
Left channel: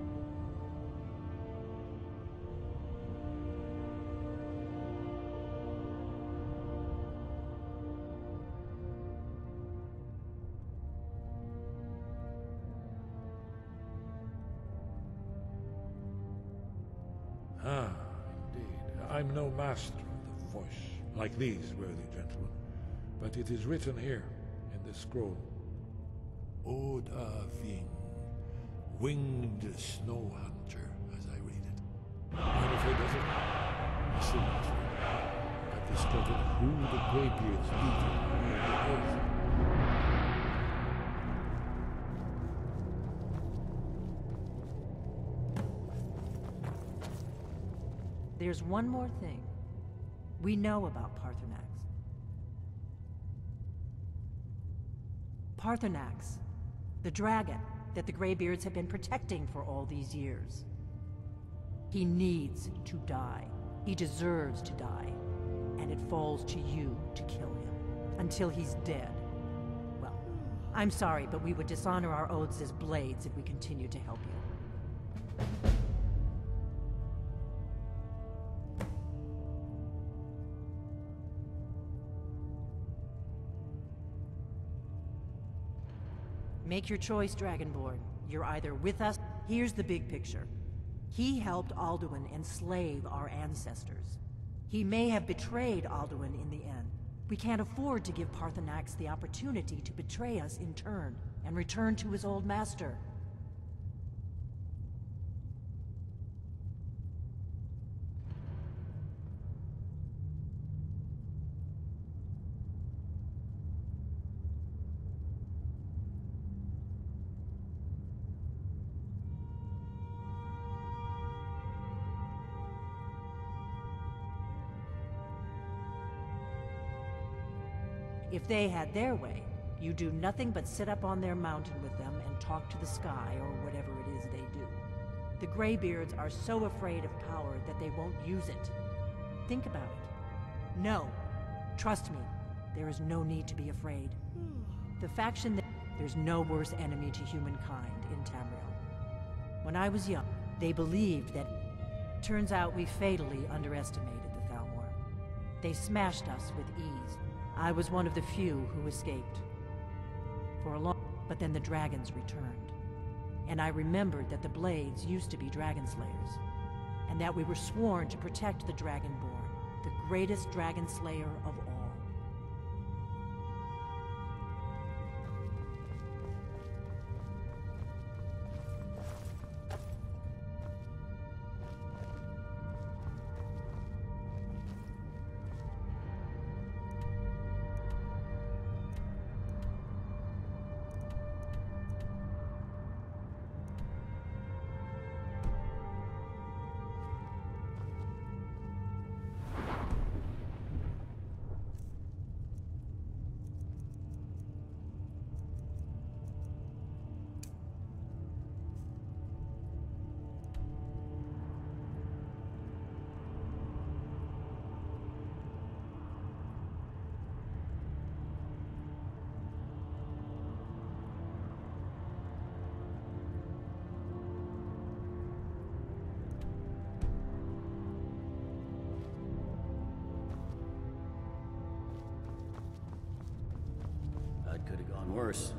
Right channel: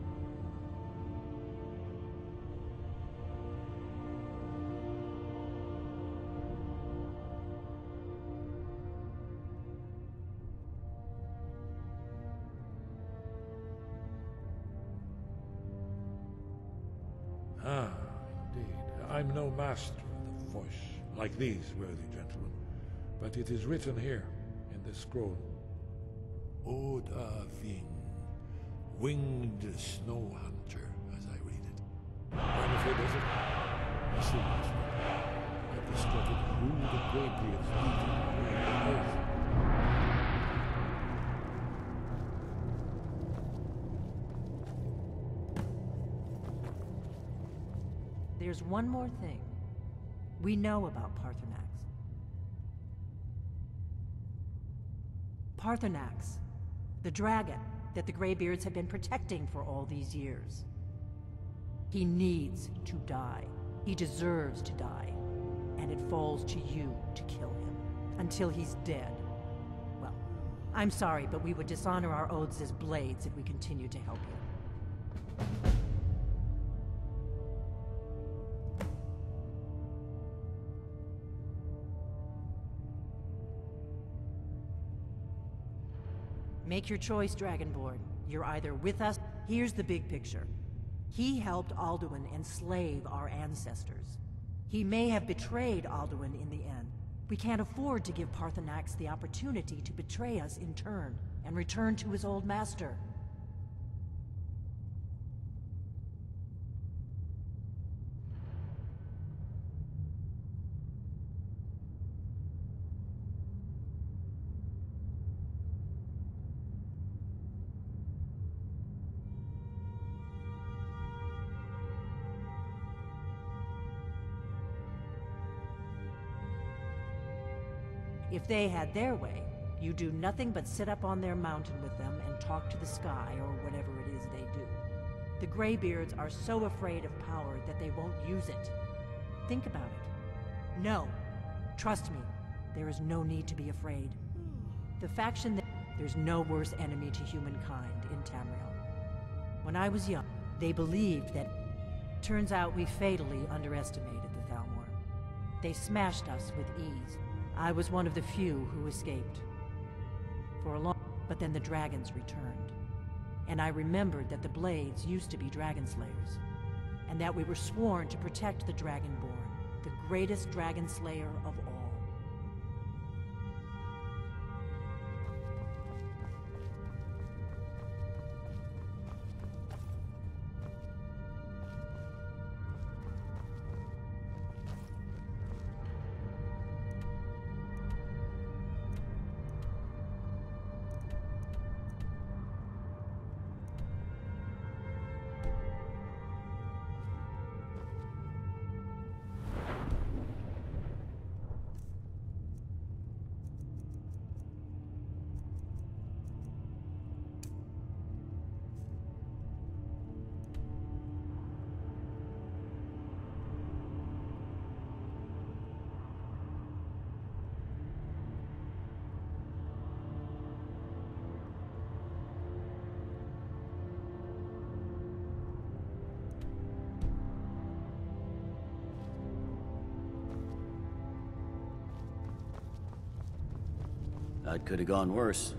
Ah, indeed. I'm no master of the voice, like these worthy gentlemen, but it is written here in this scroll. Oda Ving, winged snow hunter, as I read it. I'm afraid that's it. I see what you mean. I've discovered who the Greybeard's legion really is. There's one more thing. We know about Paarthurnax. Paarthurnax, the dragon that the Greybeards have been protecting for all these years. He needs to die. He deserves to die. And it falls to you to kill him. Until he's dead. Well, I'm sorry, but we would dishonor our oaths as blades if we continue to help you. Make your choice, Dragonborn. You're either with us. Here's the big picture. He helped Alduin enslave our ancestors. He may have betrayed Alduin in the end. We can't afford to give Paarthurnax the opportunity to betray us in turn, and return to his old master. If they had their way, you do nothing but sit up on their mountain with them and talk to the sky or whatever it is they do. The Greybeards are so afraid of power that they won't use it. Think about it. No. Trust me, there is no need to be afraid. The faction that... There's no worse enemy to humankind in Tamriel. When I was young, they believed that... Turns out we fatally underestimated the Thalmor. They smashed us with ease. I was one of the few who escaped. For a long... But then the dragons returned. And I remembered that the Blades used to be dragon slayers. And that we were sworn to protect the Dragonborn, the greatest dragon slayer of all. That could have gone worse.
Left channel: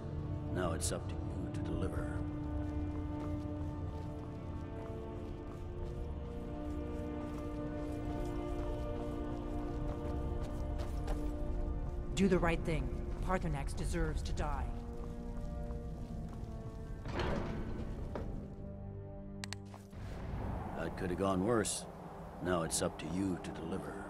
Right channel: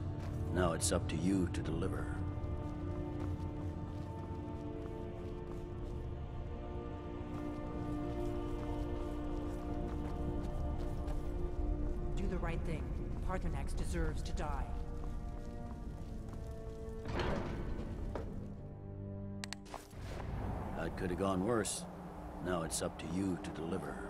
Now it's up to you to deliver. Do the right thing. Paarthurnax deserves to die. That could have gone worse. Now it's up to you to deliver.